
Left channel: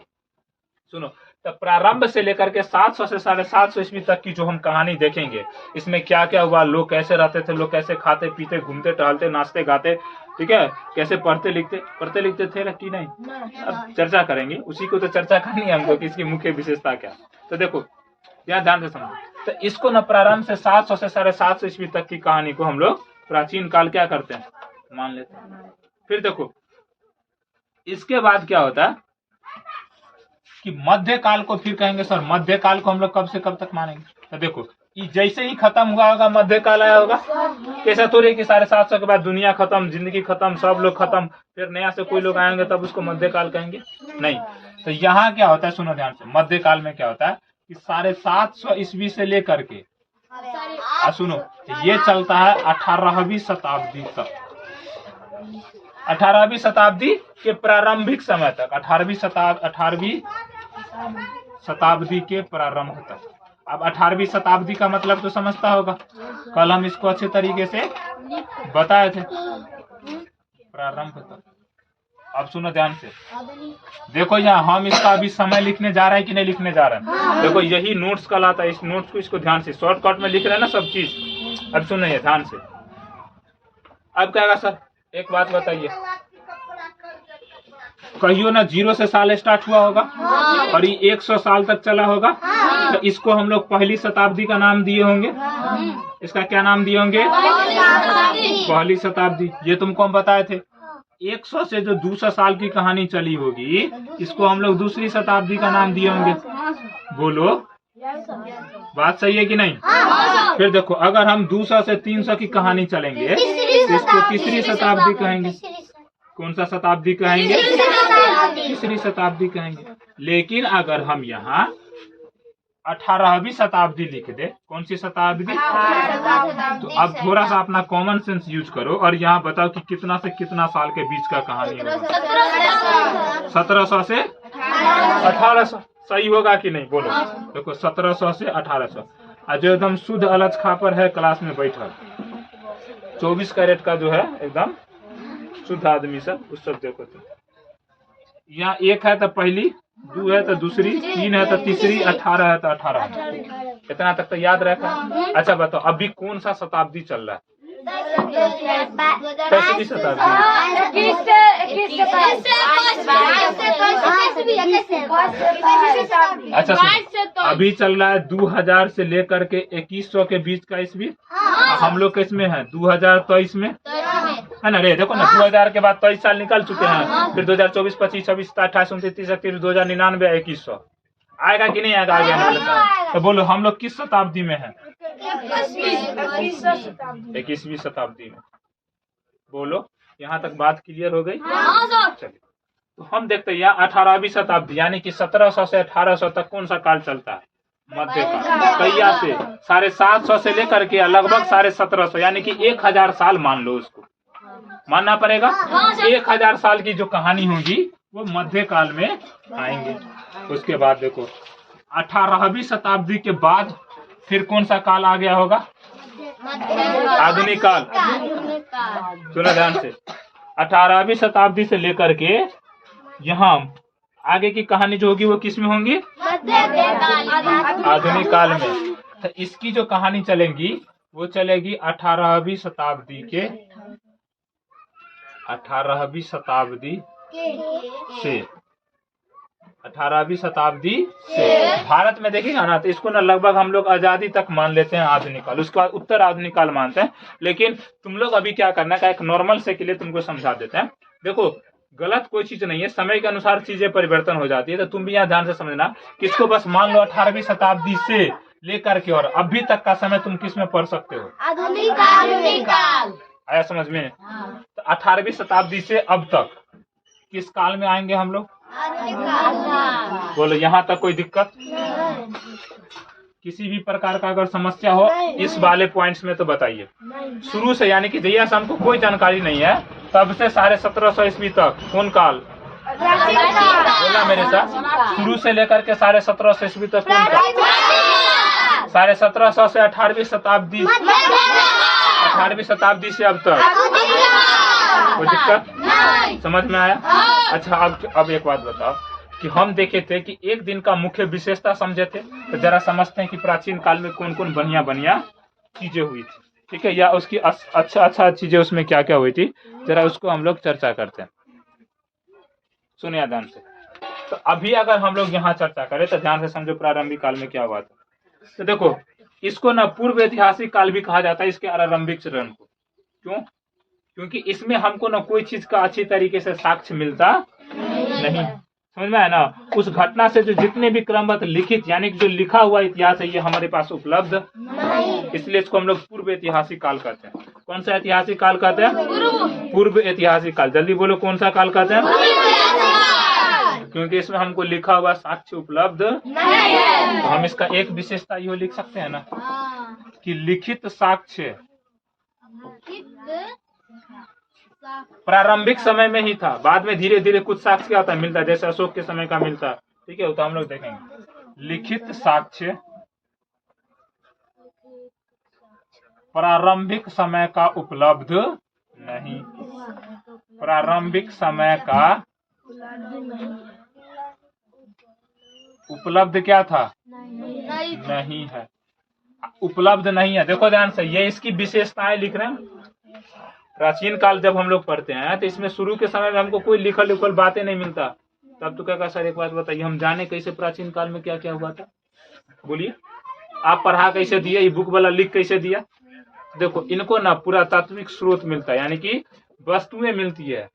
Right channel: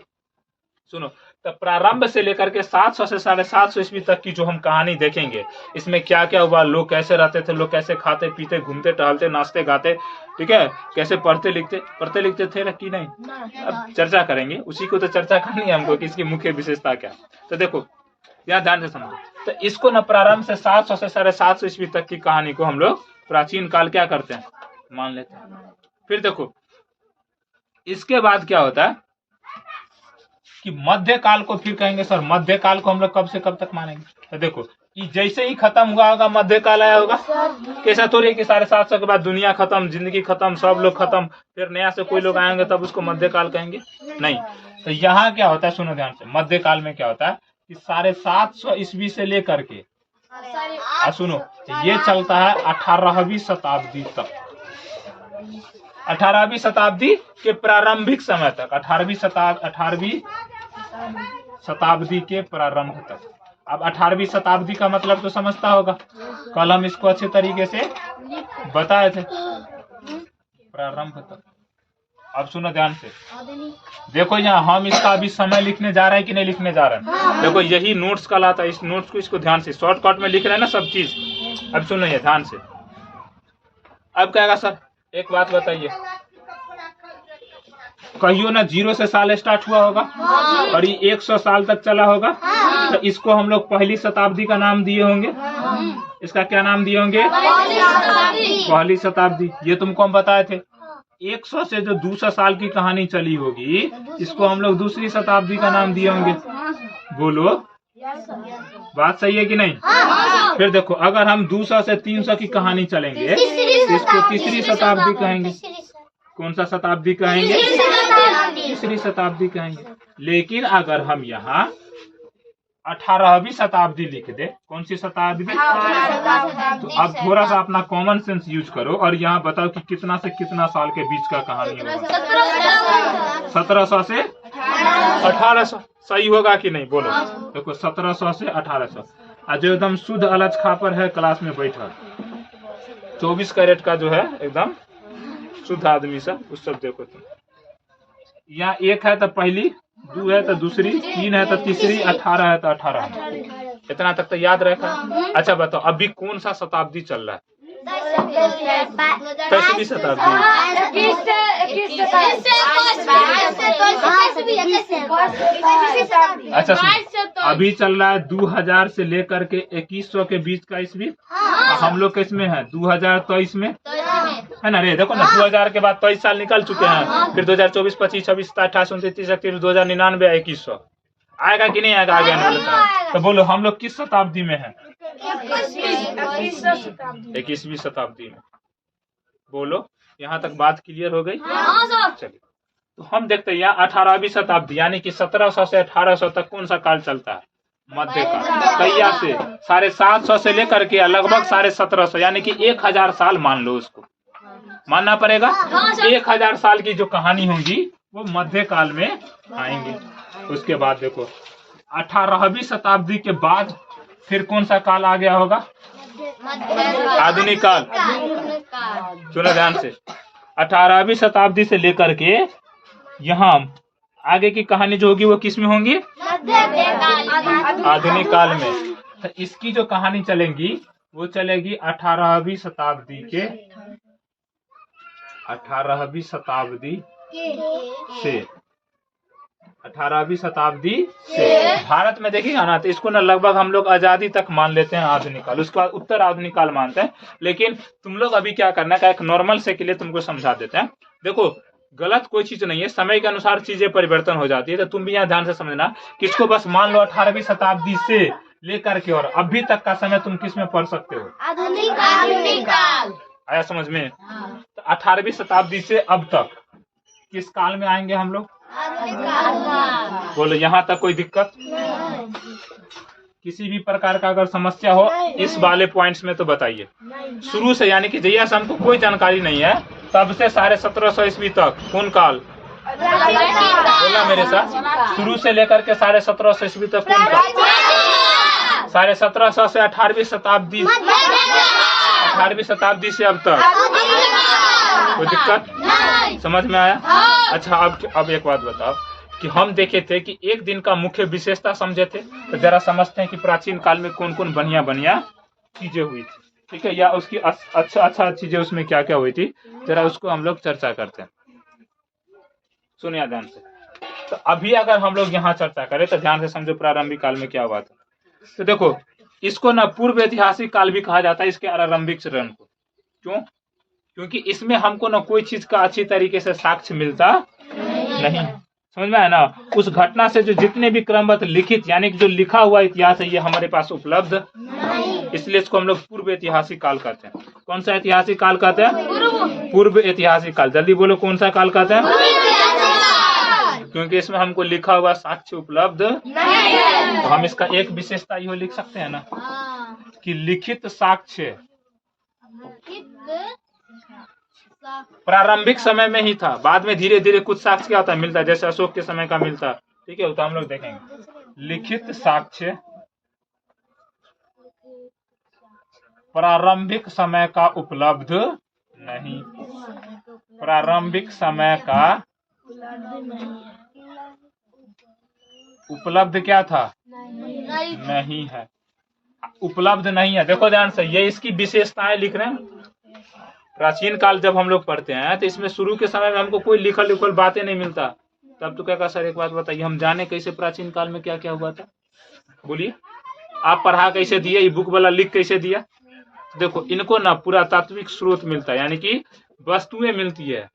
सुनो, तो प्रारंभ से लेकर के 700 से 750 ईस्वी तक की जो हम कहानी देखेंगे, इसमें क्या क्या हुआ, लोग कैसे रहते थे, लोग कैसे खाते पीते घूमते टहलते नाचते गाते, ठीक है, कैसे पढ़ते लिखते थे कि नहीं, अब चर्चा करेंगे। उसी को तो चर्चा करनी है हमको कि इसकी मुख्य विशेषता क्या। तो देखो यहाँ ध्यान से समझो, तो इसको न प्रारंभ से 700 से 750 ईस्वी तक की कहानी को हम लोग प्राचीन काल क्या करते हैं, मान लेते हैं। फिर देखो इसके बाद क्या होता है कि मध्यकाल को फिर कहेंगे सर मध्यकाल को हम लोग कब से कब तक मानेंगे। तो देखो ये जैसे ही खत्म हुआ होगा मध्यकाल आया होगा, कैसा थोड़ी कि 750 के बाद दुनिया खत्म, जिंदगी खत्म, सब लोग खत्म, फिर नया से कोई लोग आएंगे तब उसको मध्यकाल कहेंगे, नहीं। तो यहाँ क्या होता है, सुनो ध्यान से, मध्यकाल में क्या होता है कि 750 ईस्वी से लेकर के सुनो ये चलता है 18वीं शताब्दी तक, 18वीं शताब्दी के प्रारंभिक समय तक, 18वीं शताब्दी के प्रारंभ तक। अब 18वीं शताब्दी का मतलब तो समझता होगा, कल हम इसको अच्छे तरीके से बताए थे, प्रारंभ तक। अब सुनो ध्यान से, देखो यहाँ हम इसका अभी समय लिखने जा रहे हैं कि नहीं लिखने जा रहे हैं। देखो यही नोट्स कहलाता है, इस नोट्स को इसको ध्यान से शॉर्टकट में लिख रहे हैं ना सब चीज। अब सुनो ये ध्यान से, अब क्या होगा सर, एक बात बताइए, कहियो ना 0 से साल स्टार्ट हुआ होगा और ये 100 साल तक चला होगा, तो इसको हम लोग पहली शताब्दी का नाम दिए होंगे। इसका क्या नाम दिए होंगे? पहली शताब्दी। ये तुमको हम बताए थे। 100 से जो 200 साल की कहानी चली होगी, इसको हम लोग दूसरी शताब्दी का नाम दिए होंगे। बोलो बात सही है कि नहीं? फिर देखो, अगर हम 200 से 300 की कहानी चलेंगे, इसको तीसरी शताब्दी कहेंगे। कौन सा शताब्दी कहेंगे? तीसरी शताब्दी कहेंगे। लेकिन अगर हम यहाँ 18वीं शताब्दी लिख दे, कौन सी शताब्दी? तो अब थोड़ा सा अपना कॉमन सेंस यूज करो और यहाँ बताओ कि कितना से कितना साल के बीच का कहानी होगा? 1700 से 1800। सही होगा कि नहीं? बोलो। देखो 1700 से 1800। जो एकदम शुद्ध अलज खापर है क्लास में बैठा, 24 कैरेट का जो है एकदम शुद्ध आदमी सब, उस सब देखो तुम। यहाँ 1 है तो पहली, 2 है तो दूसरी, 3 है तो तीसरी, 18 है तो 18। इतना तक तो याद रखा। अच्छा बताओ, अभी कौन सा शताब्दी चल रहा है? 21वीं शताब्दी। अच्छा सुनो, अभी चल रहा है 2000 से लेकर के 2100 के बीच का ईस्वी। हम लोग किसमें है? 2023 में है ना रे। देखो ना, 2000 के बाद 23 साल निकल चुके हैं, फिर 2024, 25, 26, 27, 28, 29, 30, 2099, 2100 आएगा कि नहीं आएगा? आगे तो बोलो हम लोग किस शताब्दी में है? 21वीं शताब्दी में। बोलो, यहाँ तक बात क्लियर हो गई? चलिए, तो हम देखते हैं यहाँ 18वीं शताब्दी, यानी कि 1700 से 1800 तक कौन सा काल चलता है? मध्यकाल। कैया से 750 से लेकर के लगभग 1750, यानी कि 1000 साल मान लो, उसको मानना पड़ेगा। 1000 साल की जो कहानी होगी वो मध्यकाल में आएंगे। उसके बाद देखो 18वीं शताब्दी के बाद फिर कौन सा काल आ गया होगा? आधुनिक काल। सुनो ध्यान से, 18वीं शताब्दी से लेकर के यहाँ आगे की कहानी जो होगी वो किस में होंगी? आधुनिक काल में। तो इसकी जो कहानी चलेगी वो चलेगी 18वीं शताब्दी के 18वीं शताब्दी से 18वीं शताब्दी से भारत में देखिएगा ना, तो इसको ना लगभग हम लोग आजादी तक मान लेते हैं आधुनिक काल, उसका उत्तर आधुनिक काल मानते हैं। लेकिन तुम लोग अभी क्या करना है, एक नॉर्मल से के लिए तुमको समझा देते हैं। देखो गलत कोई चीज नहीं है, समय के अनुसार चीजें परिवर्तन हो जाती है, तो तुम भी यहाँ ध्यान से समझना कि इसको बस मान लो 18वीं शताब्दी से लेकर के और अभी तक का समय तुम किस में पढ़ सकते हो? आधुनिक काल। आया समझ में? तो 18वीं शताब्दी से अब तक किस काल में आएंगे हम लोग? बोलो यहाँ तक कोई दिक्कत? किसी भी प्रकार का अगर समस्या हो इस वाले पॉइंट्स में तो बताइए। शुरू से, यानी कि जैया से हमको कोई जानकारी नहीं है, तब से 1750 ईस्वी तक कौन काल? बोला मेरे साथ, शुरू से लेकर के 1750 ईस्वी तक कौन काल? 1750 से 18वीं शताब्दी, 18वीं शताब्दी से अब तक कोई दिक्कत? समझ में आया? अच्छा अब एक बात बताओ कि हम देखे थे कि एक दिन का मुख्य विशेषता समझे थे, तो जरा समझते हैं कि प्राचीन काल में कौन कौन बढ़िया चीजें हुई थी, ठीक है, या उसकी अच्छा चीजें उसमें क्या क्या हुई थी, जरा उसको हम लोग चर्चा करते हैं। सुनिए ध्यान से। तो अभी अगर हम लोग यहाँ चर्चा करें तो ध्यान से समझो प्रारंभिक काल में क्या हुआ था। तो देखो इसको ना पूर्व ऐतिहासिक काल भी कहा जाता है, इसके आरंभिक चरण को। क्यों? क्योंकि इसमें हमको ना कोई चीज का अच्छी तरीके से साक्ष्य मिलता नहीं। समझ में है ना? उस घटना से जो जितने भी क्रमबद्ध लिखित, यानी कि जो लिखा हुआ इतिहास है, ये हमारे पास उपलब्ध नहीं। इसलिए इसको हम लोग पूर्व ऐतिहासिक काल कहते हैं। कौन सा ऐतिहासिक काल कहते हैं? पूर्व ऐतिहासिक काल। जल्दी बोलो कौन सा काल कहते हैं? क्योंकि इसमें हमको लिखा हुआ साक्ष्य उपलब्ध नहीं। तो हम इसका एक विशेषता यो लिख सकते हैं ना कि लिखित साक्ष्य प्रारंभिक समय में ही था, बाद में धीरे धीरे कुछ साक्ष्य क्या होता है मिलता है, जैसे अशोक के समय का मिलता है, ठीक है, तो हम लोग देखेंगे। लिखित साक्ष्य प्रारंभिक समय का उपलब्ध नहीं। प्रारंभिक समय का उपलब्ध क्या था, नहीं है, उपलब्ध नहीं है। देखो ध्यान से, ये इसकी विशेषताएं लिख रहे हैं। प्राचीन काल जब हम लोग पढ़ते हैं तो इसमें शुरू के समय में हमको कोई लिखल उखल बातें नहीं मिलता। तब तो क्या सर एक बात बताइए, हम जाने कैसे प्राचीन काल में क्या क्या हुआ था? बोलिए, आप पढ़ा कैसे दिए, ये बुक वाला लिख कैसे दिया? देखो इनको ना पुरातात्विक स्रोत मिलता है, यानी कि वस्तुएं मिलती है।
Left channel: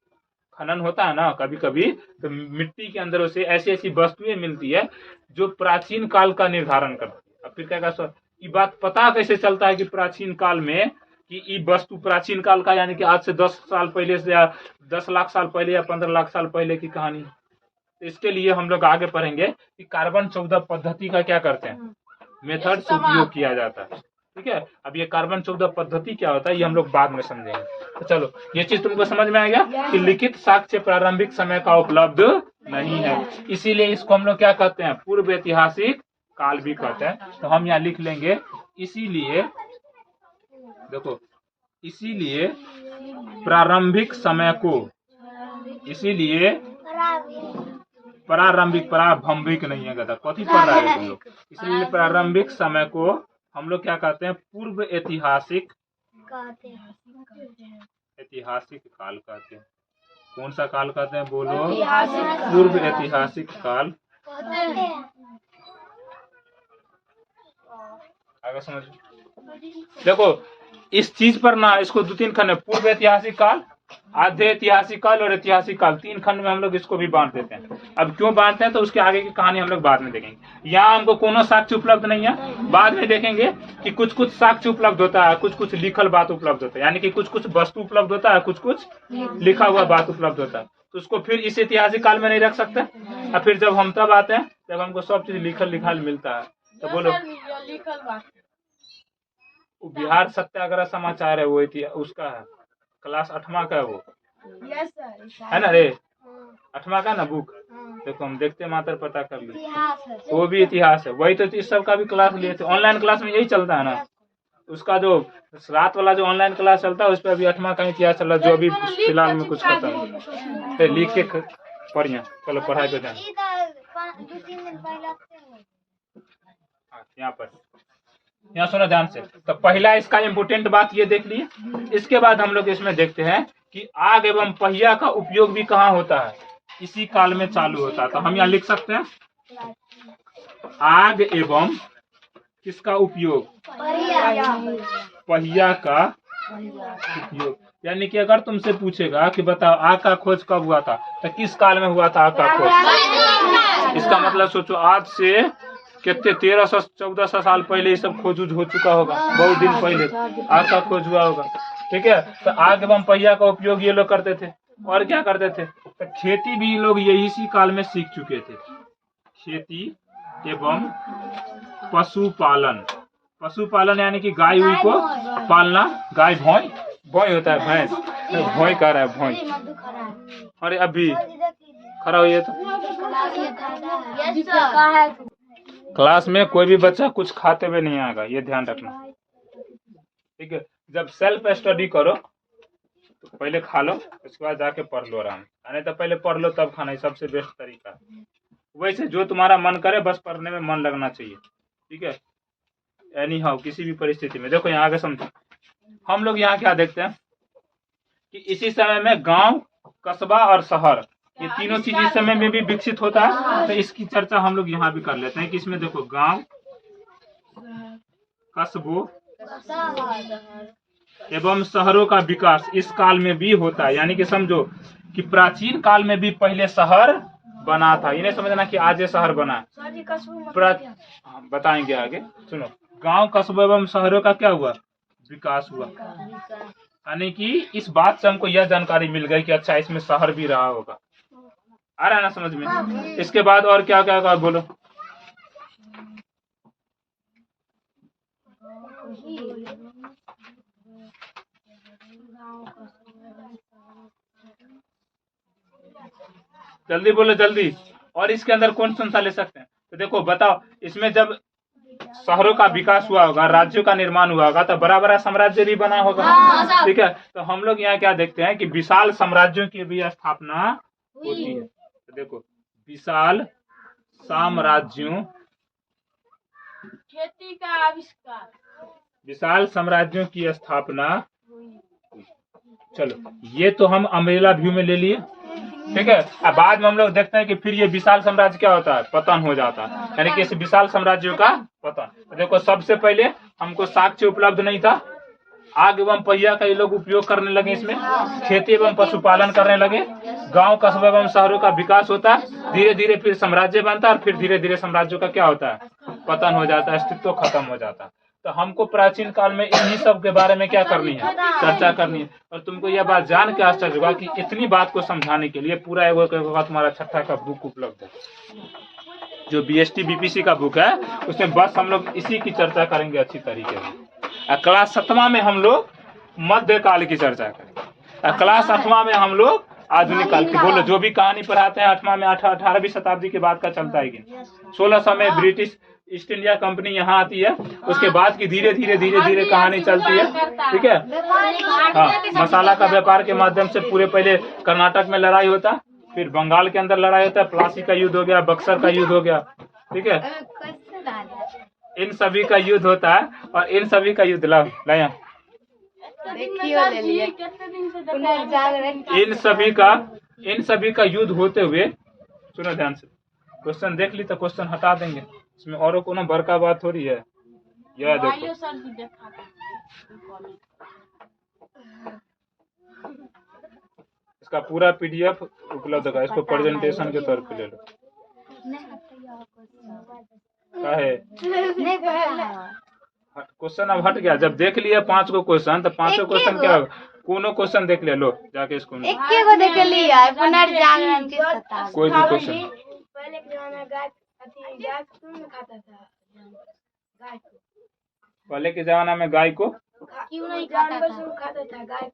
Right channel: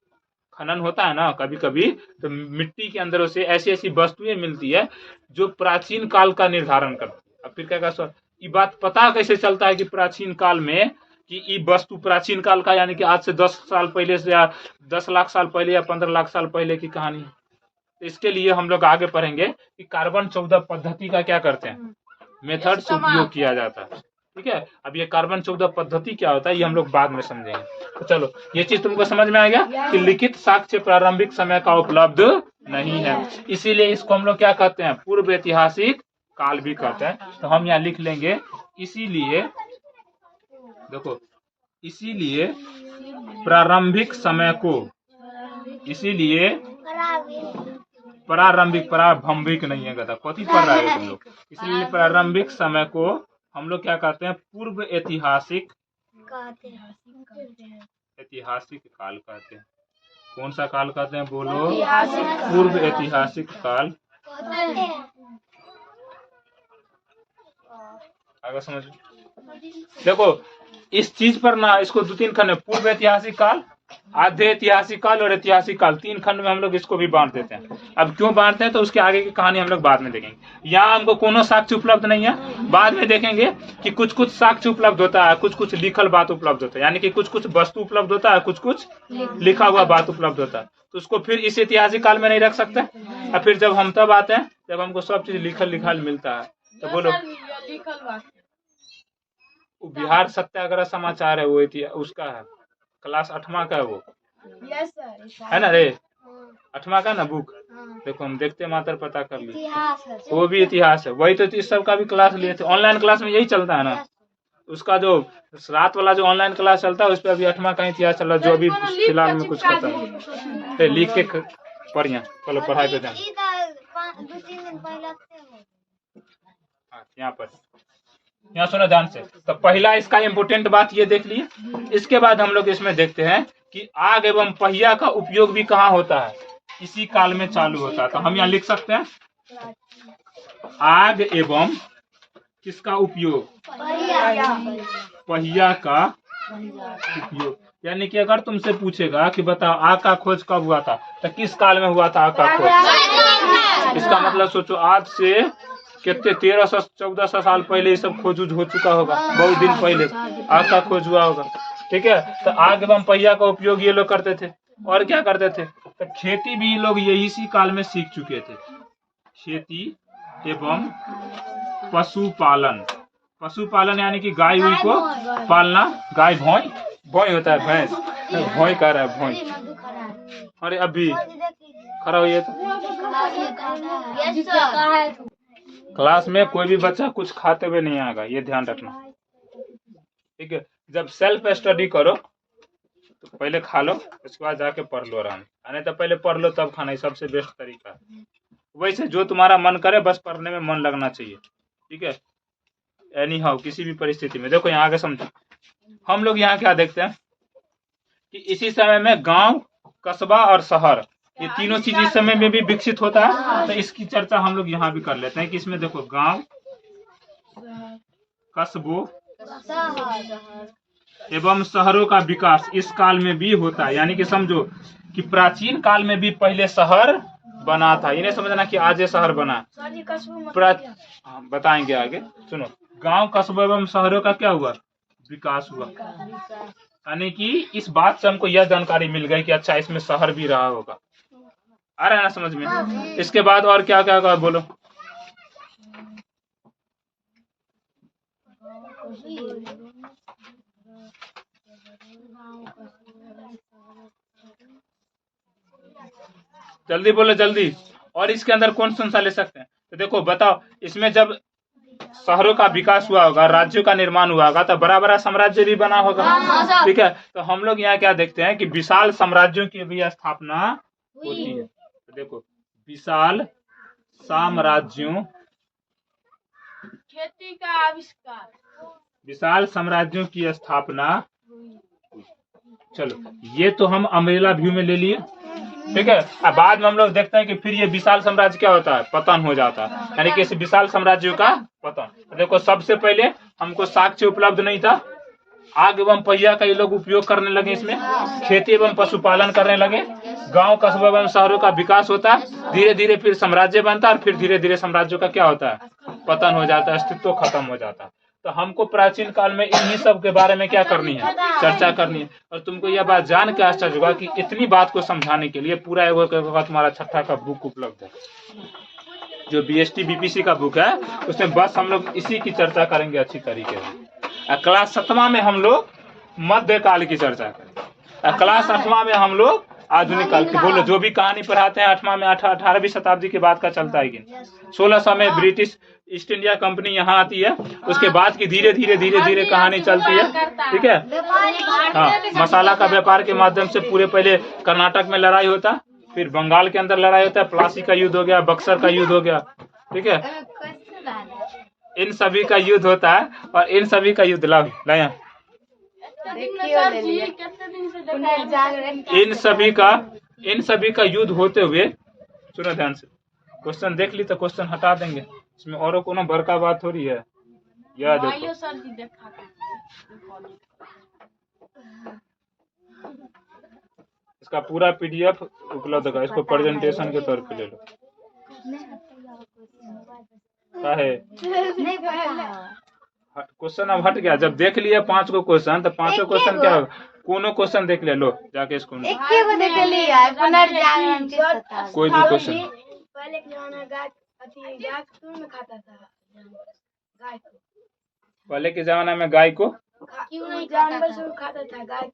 खनन होता है ना कभी कभी, तो मिट्टी के अंदर से ऐसी ऐसी वस्तुएं मिलती है जो प्राचीन काल का निर्धारण करती है। अब फिर क्या सर, ये बात पता कैसे चलता है कि प्राचीन काल में कि ये वस्तु प्राचीन काल का, यानी कि आज से 10 साल पहले से या 10 लाख साल पहले या 15 लाख साल पहले की कहानी? तो इसके लिए हम लोग आगे पढ़ेंगे कि कार्बन 14 पद्धति का क्या करते हैं, मेथड से उपयोग किया जाता है। ठीक है, अब ये कार्बन 14 पद्धति क्या होता है ये हम लोग बाद में समझेंगे। तो चलो, ये चीज तुमको समझ में आ गया कि लिखित साक्ष्य प्रारंभिक समय का उपलब्ध नहीं है, इसीलिए इसको हम लोग क्या कहते हैं, पूर्व ऐतिहासिक काल भी कहते हैं। तो हम यहाँ लिख लेंगे, इसीलिए देखो, इसीलिए प्रारंभिक समय को, इसीलिए प्रारंभिक, प्रारंभिक नहीं है गधा, कथी पढ़ रहा है तुम लोग? इसलिए प्रारंभिक समय को हम लोग क्या कहते हैं, पूर्व ऐतिहासिक, ऐतिहासिक काल कहते हैं। कौन सा काल कहते हैं, बोलो? पूर्व ऐतिहासिक काल। आगे समझो, देखो इस चीज पर ना, इसको 2-3 खंड, पूर्व ऐतिहासिक काल, आधे ऐतिहासिक काल और ऐतिहासिक काल, 3 खंड में हम लोग इसको भी बांट देते हैं। अब क्यों बांटते हैं तो उसके आगे की कहानी हम लोग बाद में देखेंगे। यहाँ हमको कोनो साक्ष्य उपलब्ध नहीं है, बाद में देखेंगे कि कुछ कुछ साक्ष्य उपलब्ध होता है, कुछ कुछ लिखल बात उपलब्ध होता है, यानी कि कुछ कुछ वस्तु उपलब्ध होता है, कुछ कुछ लिखा हुआ बात उपलब्ध होता है। तो उसको फिर इस ऐतिहासिक काल में नहीं रख सकते। और फिर जब हम तब आते हैं जब हमको सब चीज लिखल लिखल मिलता है। तो बोलो, बिहार सत्याग्रह समाचार है वो, उसका है, क्लास 8वां का है वो, है ना रे, 8वां का ना बुक। देखो हम देखते मात्र पता कर ली, वो भी इतिहास है, वही तो इस सब का भी क्लास लिए थे। ऑनलाइन क्लास में यही चलता है ना, उसका जो रात वाला जो ऑनलाइन क्लास चलता है उस पर अभी 8वां का इतिहास चल रहा है, जो अभी फिलहाल में कुछ खत्म है। लिख के पढ़िए, चलो पढ़ाई पे ध्यान। यहाँ पर, यहाँ सुनो ध्यान से। तो पहला इसका इम्पोर्टेंट बात ये देख लिए। इसके बाद हम लोग इसमें देखते हैं कि आग एवं पहिया का उपयोग भी कहाँ होता है, इसी काल में चालू होता है। तो हम यहाँ लिख सकते हैं, आग एवं किसका उपयोग, पहिया का उपयोग। यानी कि अगर तुमसे पूछेगा कि बताओ आग का खोज कब हुआ था, तो किस काल में हुआ था आग का खोज? इसका मतलब सोचो, आज से कितने 1300-1400 साल पहले ये सब खोज हो चुका होगा, बहुत दिन पहले आग का खोज हुआ होगा। ठीक है, तो आग एवं पहिया का उपयोग ये लोग करते थे। और क्या करते थे, तो खेती भी ये लोग यही इसी काल में सीख चुके थे। खेती एवं पशुपालन, पशुपालन यानी कि गाय हुई को पालना, गाय भौई, भौई होता है भैंस, भौई कह रहा है भौई। अरे अभी खड़ा हुई तो क्लास में कोई भी बच्चा कुछ खाते हुए नहीं आएगा, ये ध्यान रखना। ठीक है, जब सेल्फ स्टडी करो तो पहले खा लो, उसके बाद जाके पढ़ लो आराम, नहीं तो पहले पढ़ लो तब खाना, सबसे बेस्ट तरीका है। वैसे जो तुम्हारा मन करे, बस पढ़ने में मन लगना चाहिए। ठीक है, एनी हाउ किसी भी परिस्थिति में। देखो यहाँ आगे समझो, हम लोग यहाँ क्या देखते हैं कि इसी समय में गांव, कस्बा और शहर, ये तीनों चीज इस समय में भी विकसित होता है। तो इसकी चर्चा हम लोग यहाँ भी कर लेते हैं कि इसमें देखो गांव, कस्बों एवं शहरों का विकास इस काल में भी होता है। यानी कि समझो कि प्राचीन काल में भी पहले शहर बना था, ये नहीं समझना कि आज ये शहर बना। बताएंगे आगे, सुनो। गांव, कस्बों एवं शहरों का क्या हुआ, विकास हुआ। यानी कि इस बात से हमको यह जानकारी मिल गई कि अच्छा इसमें शहर भी रहा होगा। आ रहा है ना समझ में? इसके बाद और क्या क्या होगा बोलो। जल्दी बोलो जल्दी। और इसके अंदर कौन सा ले सकते हैं? तो देखो बताओ, इसमें जब शहरों का विकास हुआ होगा, राज्यों का निर्माण हुआ होगा, तो बड़ा बड़ा साम्राज्य भी बना होगा। ठीक है, तो हम लोग यहाँ क्या देखते हैं कि विशाल साम्राज्यों की भी स्थापना होती है। तो देखो, विशाल साम्राज्यों, खेती का आविष्कार, विशाल साम्राज्यों की स्थापना। चलो, ये तो हम अम्ब्रेला व्यू में ले लिए। ठीक है, अब बाद में हम लोग देखते हैं कि फिर ये विशाल साम्राज्य क्या होता है, पतन हो जाता है, यानी कि इस विशाल साम्राज्य का पतन। देखो, सबसे पहले हमको साक्ष्य उपलब्ध नहीं था, आग एवं पहिया का ये लोग उपयोग करने लगे, इसमें खेती एवं पशुपालन करने लगे, गांव कस्बे एवं शहरों का विकास होता है, धीरे धीरे फिर साम्राज्य बनता है, और फिर धीरे धीरे साम्राज्यों का क्या होता है, पतन हो जाता है, अस्तित्व खत्म हो जाता है। तो हमको प्राचीन काल में इन्हीं सब के बारे में क्या करनी है, चर्चा करनी है। और तुमको यह बात जान के आश्चर्य होगा कि इतनी बात को समझाने के लिए पूरा एक तुम्हारा छठा का बुक उपलब्ध है, जो BST BPC का बुक है, उसमें बस हम लोग इसी की चर्चा करेंगे अच्छी तरीके से। क्लास 7वां में हम लोग मध्यकाल की चर्चा करेंगे, क्लास 8वां में हम लोग आधुनिक काल की, बोलो जो भी कहानी पढ़ाते हैं 8वां में 18वीं शताब्दी के बाद का चलता है कि 1600 में ब्रिटिश ईस्ट इंडिया कंपनी यहाँ आती है, उसके बाद की धीरे धीरे धीरे धीरे कहानी चलती है। ठीक है, हाँ, मसाला का व्यापार के माध्यम से पूरे पहले कर्नाटक में लड़ाई होता, फिर बंगाल के अंदर लड़ाई होता है, प्लासी का युद्ध हो गया, बक्सर का युद्ध हो गया। ठीक है, इन सभी का युद्ध होता है, और इन सभी का युद्ध लाया इन सभी का युद्ध होते हुए, सुनो ध्यान से, क्वेश्चन देख ली तो क्वेश्चन हटा देंगे, इसमें और कोनो बड़का बात थोड़ी है। यह देखो, इसका पूरा PDF उपलब्ध है, इसको प्रेजेंटेशन के तौर पे ले लो। क्या है क्वेश्चन, अब हट गया, जब देख लिया 5 को क्वेश्चन, तो 5 क्वेश्चन क्या होगा, कोनो क्वेश्चन देख ले लो जाके इसको, कोई भी क्वेश्चन। पहले के जमाने में गाय क्यों खाता था, पहले के जमाना में गाय को क्यों नहीं खाता था गाय।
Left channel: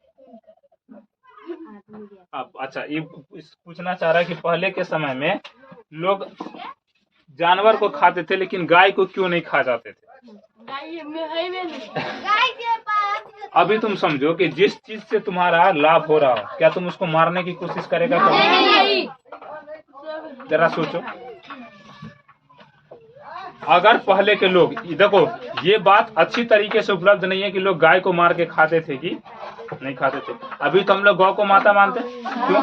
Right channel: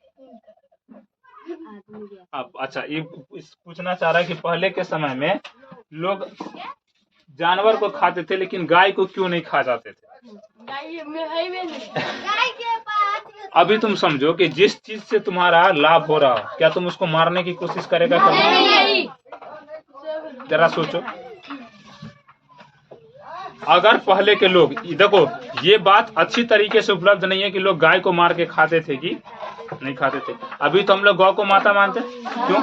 अच्छा, ये पूछना चाह रहा है कि पहले के समय में लोग जानवर को खाते थे, लेकिन गाय को क्यों नहीं खा जाते थे। अभी तुम समझो कि जिस चीज से तुम्हारा लाभ हो रहा हो, क्या तुम उसको मारने की कोशिश करेगा? जरा सोचो, अगर पहले के लोग, देखो ये बात अच्छी तरीके से उपलब्ध नहीं है कि लोग गाय को मार के खाते थे कि नहीं खाते थे। अभी तो हम लोग गौ को माता मानते, क्यों?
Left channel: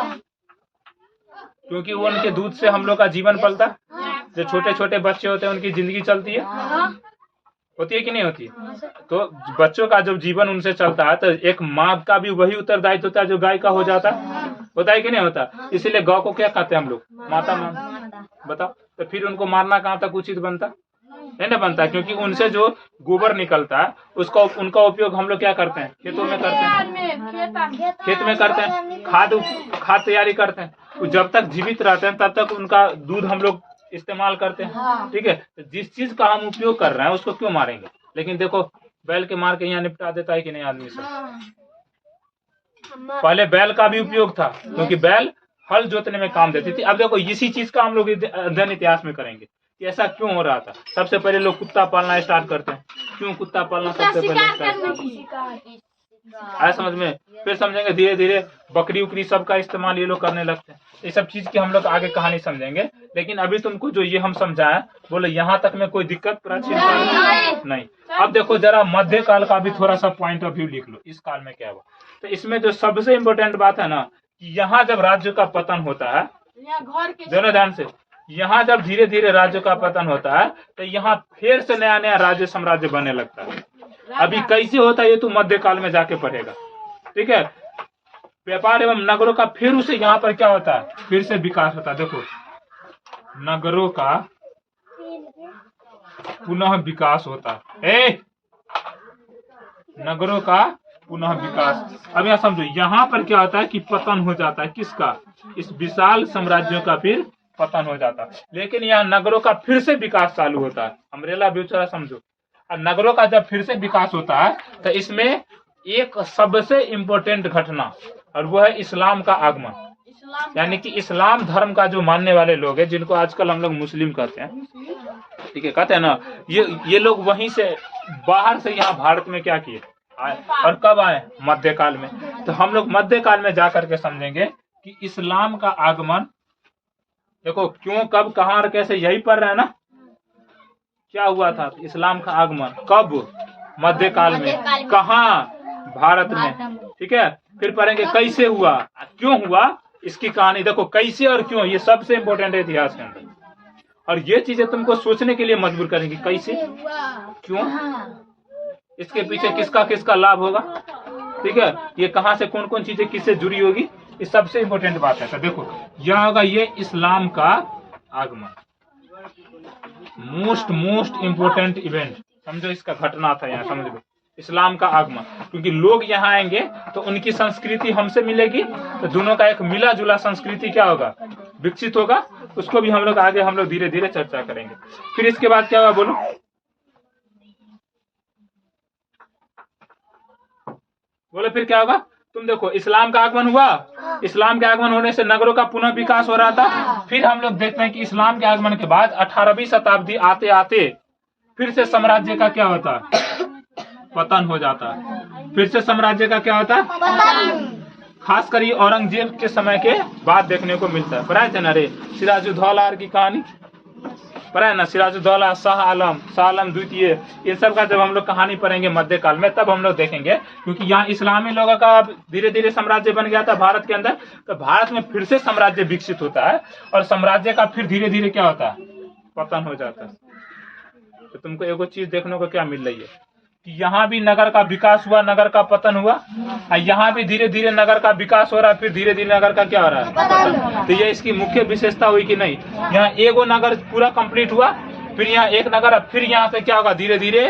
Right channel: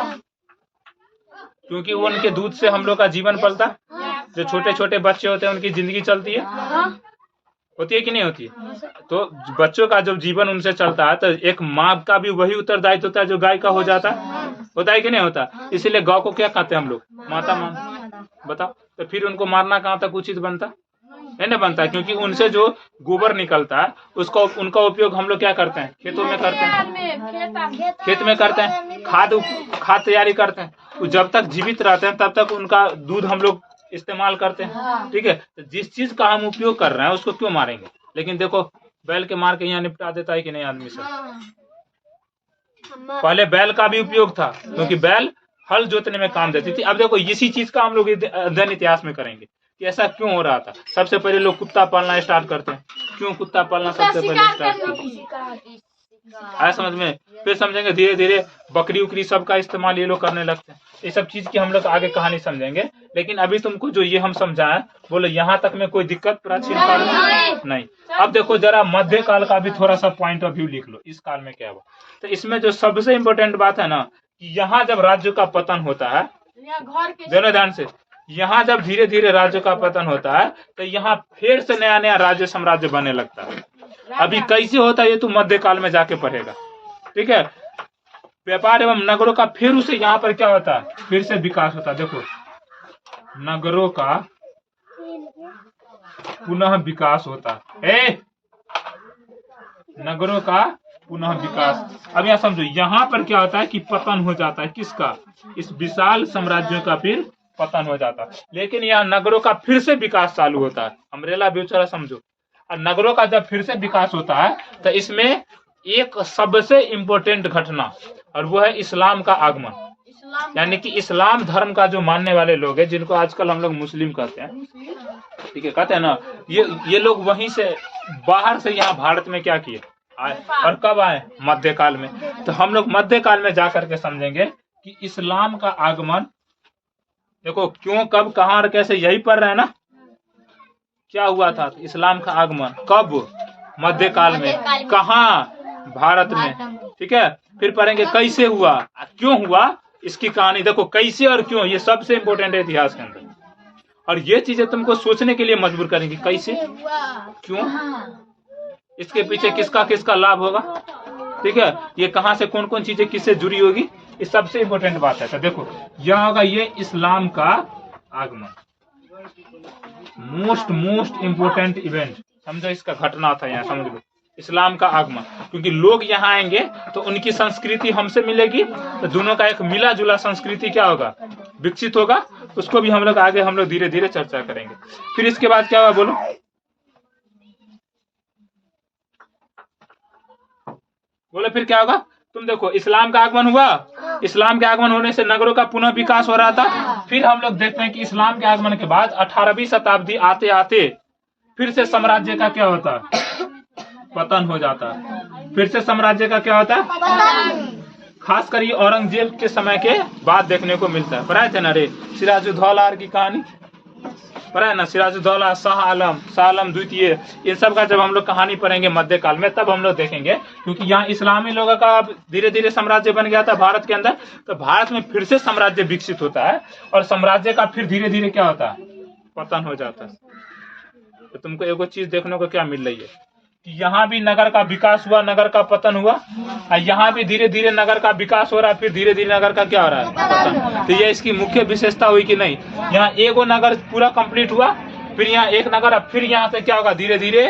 क्योंकि वो उनके दूध से हम लोग का जीवन पलता, जो छोटे छोटे बच्चे होते हैं उनकी जिंदगी चलती है, होती है कि नहीं होती? तो बच्चों का जब जीवन उनसे चलता है, तो एक माँ का भी वही उत्तरदायित्व होता है जो गाय का हो जाता होता है कि नहीं होता? इसीलिए गौ को क्या कहते हैं हम लोग? माता मान। बताओ, तो फिर उनको मारना कहाँ तक उचित बनता? नहीं ना बनता, क्योंकि उनसे जो गोबर निकलता है उसका उनका उपयोग हम लोग क्या करते हैं? खेतों में करते हैं, खेत में करते हैं, खाद तैयारी करते हैं। तो जब तक जीवित रहते हैं तब तक उनका दूध हम लोग इस्तेमाल करते हैं। ठीक है, तो जिस चीज का हम उपयोग कर रहे हैं उसको क्यों मारेंगे? लेकिन देखो, बैल के मार के यहाँ निपटा देता है कि नहीं आदमी सब। पहले बैल का भी उपयोग था, क्योंकि बैल हल जोतने में काम देती थी। अब देखो, इसी चीज का हम लोग अध्ययन इतिहास में करेंगे कि ऐसा क्यों हो रहा था। सबसे पहले लोग कुत्ता पालना स्टार्ट करते हैं। क्यों कुत्ता पालना सबसे पहले स्टार्ट करते हैं? आया समझ में? फिर समझेंगे धीरे धीरे बकरी उकरी सब का इस्तेमाल ये लोग करने लगते हैं। ये सब चीज की हम लोग आगे कहानी समझेंगे, लेकिन अभी तुमको जो ये हम समझाएं, बोलो यहाँ तक में कोई दिक्कत प्राचीन काल में नहीं। अब देखो जरा मध्य काल का भी थोड़ा सा पॉइंट ऑफ व्यू लिख लो, इस काल में क्या हुआ। तो इसमें जो सबसे इम्पोर्टेंट बात है ना, कि यहाँ जब राज्य का पतन होता है, दोनों ध्यान से, यहाँ जब धीरे धीरे राज्य का पतन होता है तो यहाँ फिर से नया नया राज्य साम्राज्य बनने लगता है। अभी कैसे होता है ये तो मध्यकाल में जाके पढ़ेगा। ठीक है, व्यापार एवं नगरों का फिर उसे यहाँ पर क्या होता है, फिर से विकास होता है। देखो, नगरों का पुनः विकास होता है। नगरों का पुनः विकास। अब यहाँ समझो, यहाँ पर क्या होता है कि पतन हो जाता है किसका? इस विशाल साम्राज्यों का फिर पतन हो जाता है। लेकिन यहाँ नगरों का फिर से विकास चालू होता है। अम्ब्रेला व्यू जरा समझो, और नगरों का जब फिर से विकास होता है तो इसमें एक सबसे इम्पोर्टेंट घटना, और वो है इस्लाम का आगमन। यानी कि इस्लाम धर्म का जो मानने वाले लोग हैं, जिनको आजकल हम लोग मुस्लिम कहते हैं, ठीक है, कहते हैं ना ये लोग वहीं से बाहर से यहाँ भारत में क्या किए आए, और कब आए? मध्यकाल में। तो हम लोग मध्यकाल में जाकर के समझेंगे कि इस्लाम का आगमन, देखो क्यों, कब, कहाँ और कैसे, यही पढ़ रहे हैं ना। क्या हुआ था? इस्लाम का आगमन कब? मध्यकाल में। कहाँ? भारत में। ठीक है, फिर पढ़ेंगे कैसे हुआ, क्यों हुआ, इसकी कहानी देखो कैसे और क्यों, ये सबसे इम्पोर्टेंट है इतिहास के अंदर। और ये चीजें तुमको सोचने के लिए मजबूर करेंगी, कैसे, क्यों, इसके पीछे किसका किसका लाभ होगा। ठीक है, ये कहाँ से कौन कौन चीजें किससे जुड़ी होगी, ये सबसे इम्पोर्टेंट बात है। तो देखो यह होगा ये इस्लाम का आगमन, मोस्ट इम्पोर्टेंट इवेंट, समझो इसका घटना था यहाँ, समझ लो इस्लाम का आगमन। क्योंकि लोग यहाँ आएंगे तो उनकी संस्कृति हमसे मिलेगी, तो दोनों का एक मिला जुला संस्कृति क्या होगा, विकसित होगा। उसको भी हम लोग आगे हम लोग धीरे धीरे चर्चा करेंगे। फिर इसके बाद क्या हुआ बोलो, बोले फिर क्या होगा। तुम देखो इस्लाम का आगमन हुआ, इस्लाम के आगमन होने से नगरों का पुनः विकास हो रहा था। फिर हम लोग देखते हैं कि इस्लाम के आगमन के बाद 18वीं शताब्दी आते आते फिर से साम्राज्य का क्या होता, पतन हो जाता। फिर से साम्राज्य का क्या होता, खासकर ये औरंगजेब के समय के बाद देखने को मिलता है। पढ़ा है ना रे सिराजुद्दौला की कहानी, पढ़ा है ना, सिराजुद्दौला, शाह आलम द्वितीय, इन सब का जब हम लोग कहानी पढ़ेंगे मध्यकाल में तब हम लोग देखेंगे। क्योंकि यहाँ इस्लामी लोगों का अब धीरे धीरे साम्राज्य बन गया था भारत के अंदर, तो भारत में फिर से साम्राज्य विकसित होता है और साम्राज्य का फिर धीरे धीरे क्या होता है, पतन हो जाता है। तो तुमको एगो चीज देखने को क्या मिल रही है कि यहाँ भी नगर का विकास हुआ, नगर का पतन हुआ, और यहाँ भी धीरे धीरे नगर का विकास हो रहा है, फिर धीरे धीरे नगर का क्या हो रहा है, पतन। तो ये इसकी मुख्य विशेषता हुई कि नहीं, यहाँ एगो नगर पूरा कंप्लीट हुआ, फिर यहाँ एक नगर, अब फिर यहाँ से क्या होगा, धीरे धीरे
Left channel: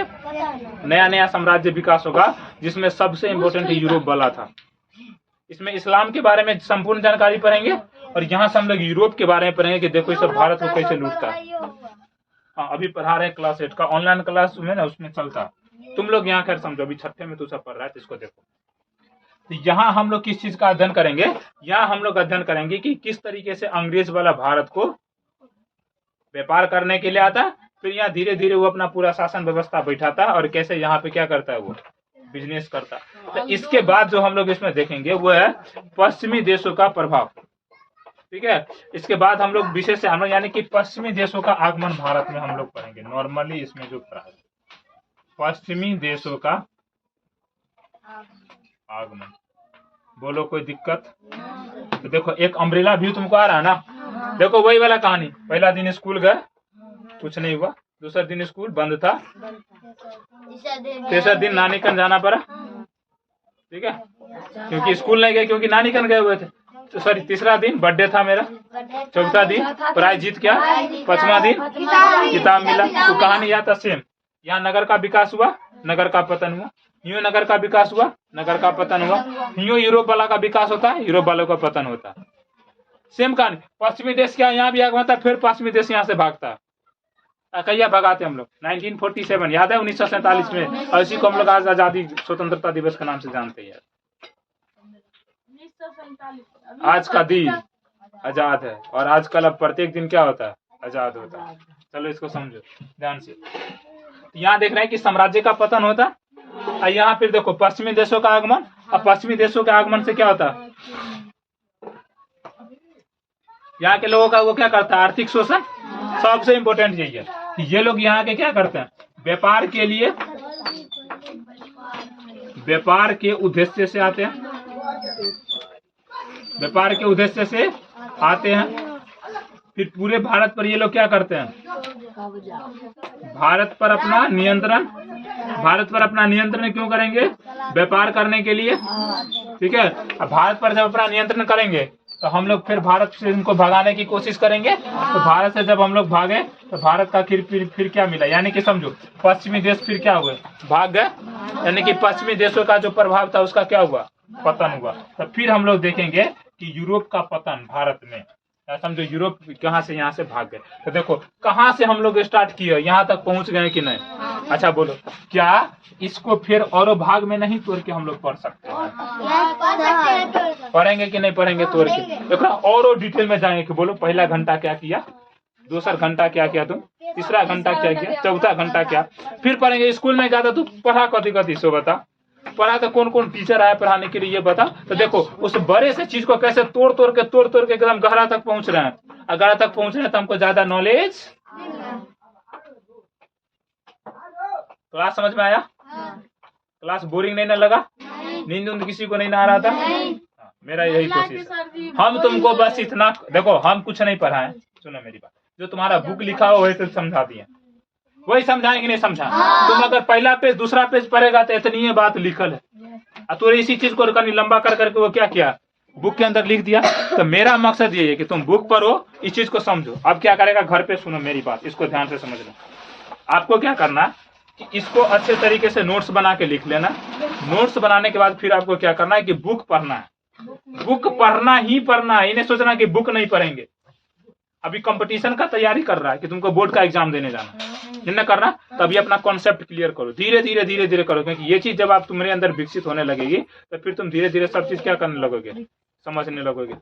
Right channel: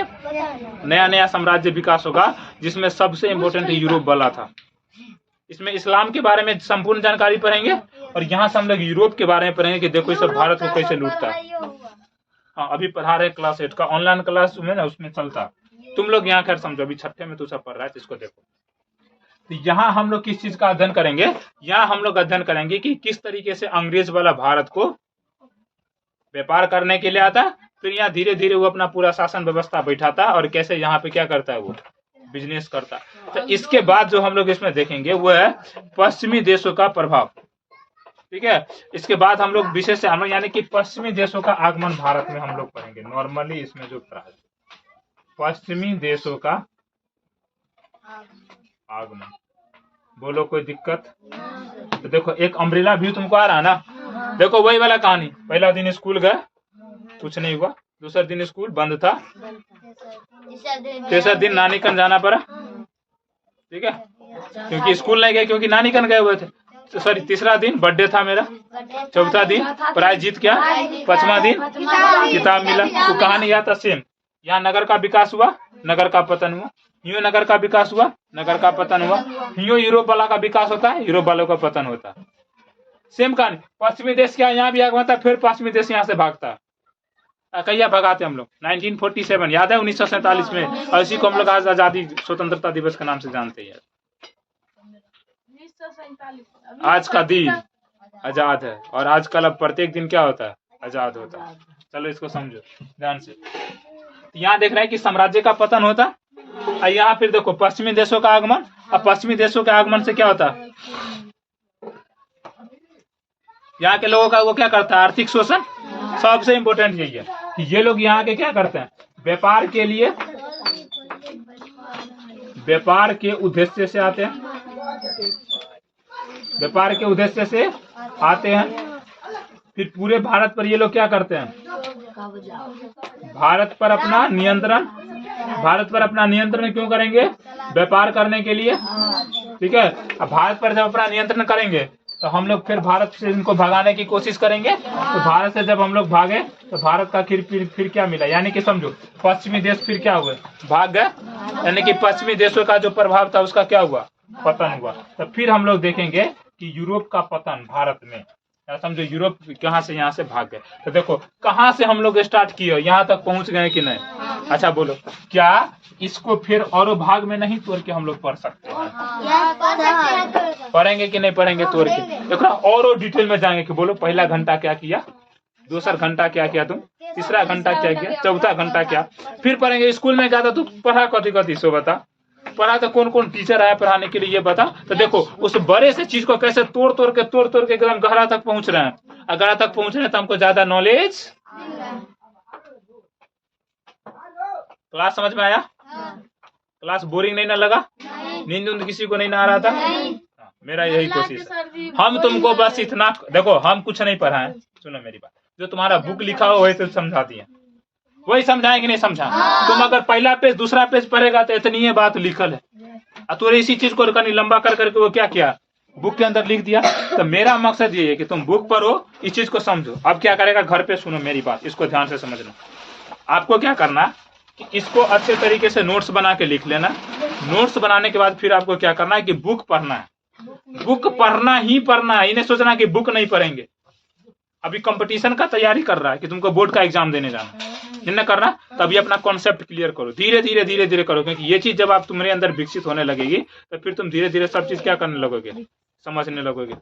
नया नया साम्राज्य विकास होगा, जिसमें सबसे इम्पोर्टेंट यूरोप वाला था। इसमें इस्लाम के बारे में संपूर्ण जानकारी पढ़ेंगे और यहाँ से हम लोग यूरोप के बारे में पढ़ेंगे कि देखो इस भारत को कैसे लूटता है। हाँ, अभी पढ़ा रहे क्लास 8 का ऑनलाइन क्लास में ना, उसमें चलता। तुम लोग यहाँ खैर समझो, अभी 6th में तो सब पढ़ रहा है, तो इसको देखो। तो यहाँ हम लोग किस चीज का अध्ययन करेंगे, यहाँ हम लोग अध्ययन करेंगे कि किस तरीके से अंग्रेज वाला भारत को व्यापार करने के लिए आता, फिर यहाँ धीरे धीरे वो अपना पूरा शासन व्यवस्था बैठाता और कैसे यहाँ पे क्या करता है, वो बिजनेस करता। तो इसके बाद जो हम लोग इसमें देखेंगे वो है पश्चिमी देशों का प्रभाव। ठीक है, इसके बाद हम लोग विशेष यानी कि पश्चिमी देशों का आगमन भारत में हम लोग पढ़ेंगे। नॉर्मली इसमें जो पढ़ा है पश्चिमी देशों का आगमन, बोलो कोई दिक्कत। तो देखो एक अम्ब्रेला व्यू तुमको आ रहा है ना, देखो वही वाला कहानी। पहला दिन स्कूल गए, कुछ नहीं हुआ, दूसरा दिन स्कूल बंद था, तीसरा दिन नानी कन जाना पड़ा। ठीक है, क्योंकि स्कूल नहीं गए, क्योंकि नानी कन गए हुए थे। तो सॉरी, तीसरा दिन बर्थडे था मेरा, चौथा दिन प्राइज जीत गया, पांचवा दिन किताब मिला। तो कहानी याद था सेम। यहाँ नगर का विकास हुआ, नगर का पतन हुआ, यूं नगर का विकास हुआ, नगर का पतन हुआ, यूं यूरोप वाला का विकास होता है, यूरोप वालों का पतन होता है। सेम कहानी। पश्चिमी देश क्या यहाँ भी आगमन था, फिर पश्चिमी देश यहाँ से भागता है। कहिया भगाते हम लोग 1947, याद है 1947 में, और इसी को हम लोग आज आजादी स्वतंत्रता दिवस के नाम से जानते हैं। आज का दिन आजाद है, और आजकल अब प्रत्येक दिन क्या होता है, आजाद होता है। चलो इसको समझो ध्यान से। यहाँ देख रहे हैं कि साम्राज्य का पतन होता है, और यहाँ फिर देखो पश्चिमी देशों का आगमन। और पश्चिमी देशों के आगमन से क्या होता है, यहाँ के लोगों का वो क्या करता है, आर्थिक शोषण। सबसे इम्पोर्टेंट यही है कि ये लोग यहाँ के क्या करते हैं, व्यापार के लिए, व्यापार के उद्देश्य से आते हैं, व्यापार के उद्देश्य से आते हैं। फिर पूरे भारत पर ये लोग क्या करते हैं, भारत पर अपना नियंत्रण क्यों करेंगे, व्यापार करने के लिए। ठीक है, अब भारत पर जब अपना नियंत्रण करेंगे तो हम लोग फिर भारत से इनको भगाने की कोशिश करेंगे। तो भारत से जब हम लोग भागे तो भारत का फिर क्या मिला, यानी कि समझो पश्चिमी देश फिर क्या हुए, भाग गए, यानी कि पश्चिमी देशों का जो प्रभाव था उसका क्या हुआ, पतन हुआ। तो फिर हम लोग देखेंगे कि यूरोप का पतन भारत में, समझो यूरोप कहाँ से, यहाँ से भाग गए। तो देखो कहाँ से हम लोग स्टार्ट किए, यहाँ तक पहुँच गए कि नहीं। अच्छा बोलो, क्या इसको फिर और भाग में नहीं तोड़ के हम लोग पढ़ सकते हैं, पढ़ेंगे कि नहीं पढ़ेंगे तोड़ के। देखो और डिटेल में जाएंगे कि बोलो पहला घंटा क्या किया, दूसरा घंटा क्या किया तुम, तीसरा घंटा क्या किया, चौथा घंटा क्या। फिर पढ़ेंगे स्कूल में जाता तो पढ़ा कथी कथी सो बता, पढ़ा तो कौन कौन टीचर आया पढ़ाने के लिए ये बता। तो देखो उस बड़े से चीज को कैसे तोड़ तोड़ के एकदम गहरा तक पहुंच रहे हैं। गहरा तक पहुंच रहे हैं तो हमको ज्यादा नॉलेज। क्लास समझ में आया? क्लास बोरिंग नहीं ना लगा? नींद किसी को नहीं ना आ रहा था? मेरा यही कोशिश है। हम तुमको बस इतना देखो, हम कुछ नहीं पढ़ाएं, सुनो मेरी बात, जो तुम्हारा बुक लिखा हो वही तो समझा दिए, वही समझाएंगे नहीं समझा। तुम अगर पहला पेज दूसरा पेज पढ़ेगा तो इतनी ये बात लिखल है, तो इसी चीज को कहीं लंबा कर करके वो क्या किया, बुक के अंदर लिख दिया। तो मेरा मकसद ये है कि तुम बुक पढ़ो, इस चीज को समझो। अब क्या करेगा, घर पे सुनो मेरी बात, इसको ध्यान से समझ लो। आपको क्या करना कि इसको अच्छे तरीके से नोट्स बना के लिख लेना। नोट्स बनाने के बाद फिर आपको क्या करना है कि बुक पढ़ना है। बुक पढ़ना ही पढ़ना है, इन्हें सोचना कि बुक नहीं पढ़ेंगे। अभी कंपटीशन का तैयारी कर रहा है कि तुमको बोर्ड का एग्जाम देने जाना, जिन्हें करना तभी अपना कॉन्सेप्ट क्लियर करो, धीरे धीरे करो। क्योंकि ये चीज जब आप तुम्हारे अंदर विकसित होने लगेगी तो फिर तुम धीरे धीरे सब चीज क्या करने लगोगे, समझने लगोगे।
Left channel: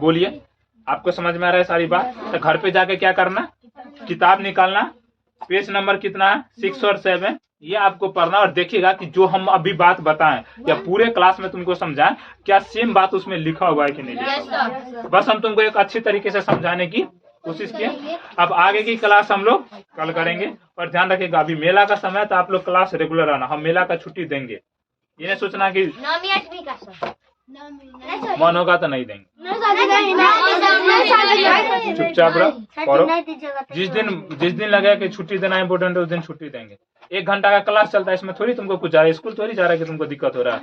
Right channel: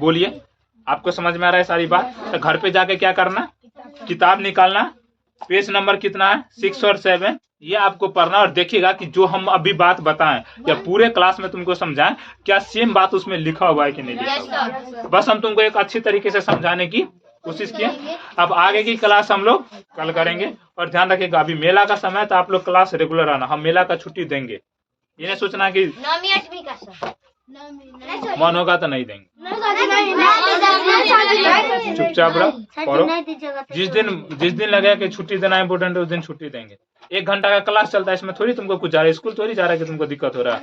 बोलिए, आपको समझ में आ रहा है सारी बात? तो घर पे जाके क्या करना, किताब निकालना, पेज नंबर कितना है 6 और 7, ये आपको पढ़ना और देखिएगा कि जो हम अभी बात बताएं या पूरे क्लास में तुमको समझाएं क्या सेम बात उसमें लिखा हुआ है कि नहीं लिखा। बस हम तुमको एक अच्छी तरीके से समझाने की कोशिश किए। अब आगे की क्लास हम लोग कल करेंगे। और ध्यान रखिएगा अभी मेला का समय तो आप लोग क्लास रेगुलर आना, हम मेला का छुट्टी देंगे। ये नहीं सोचना कि मन होगा तो नहीं देंगे, चुपचाप रहो। जिस दिन लगे कि छुट्टी देना इम्पोर्टेंट है उस दिन छुट्टी देंगे। 1 घंटा का क्लास चलता है, इसमें थोड़ी तुमको कुछ जा रहा है, स्कूल थोड़ी जा रहा है कि तुमको दिक्कत हो रहा है।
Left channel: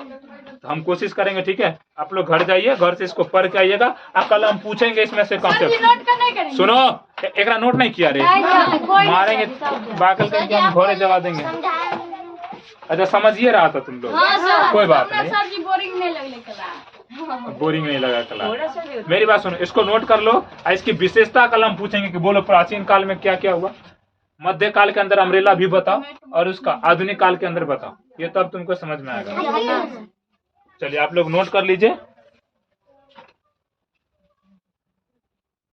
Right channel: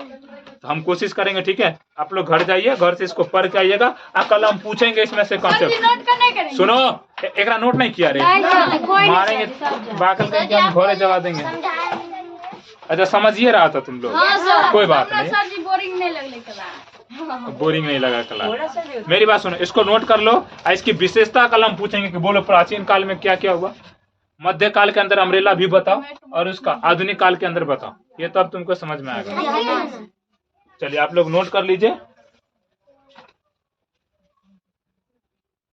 तो हम कोशिश करेंगे, ठीक है? आप लोग घर जाइए, घर से इसको पढ़ के आइएगा। कल हम पूछेंगे इसमें से कॉन्सेप्ट। सुनो, एक नोट नहीं किया रे, मारेंगे बाकल करके हम घोड़े जवा देंगे। अच्छा समझिए रहा था तुम लोग, कोई बात नहीं, बोरिंग नहीं लगा क्लास। मेरी बात सुनो, इसको नोट कर लो। इसकी विशेषता कल हम पूछेंगे कि बोलो प्राचीन काल में क्या क्या हुआ, मध्य काल के अंदर अम्ब्रेला भी बताओ, और उसका आधुनिक काल के अंदर बताओ। ये तब तुमको समझ में आएगा। चलिए आप लोग नोट कर लीजिए।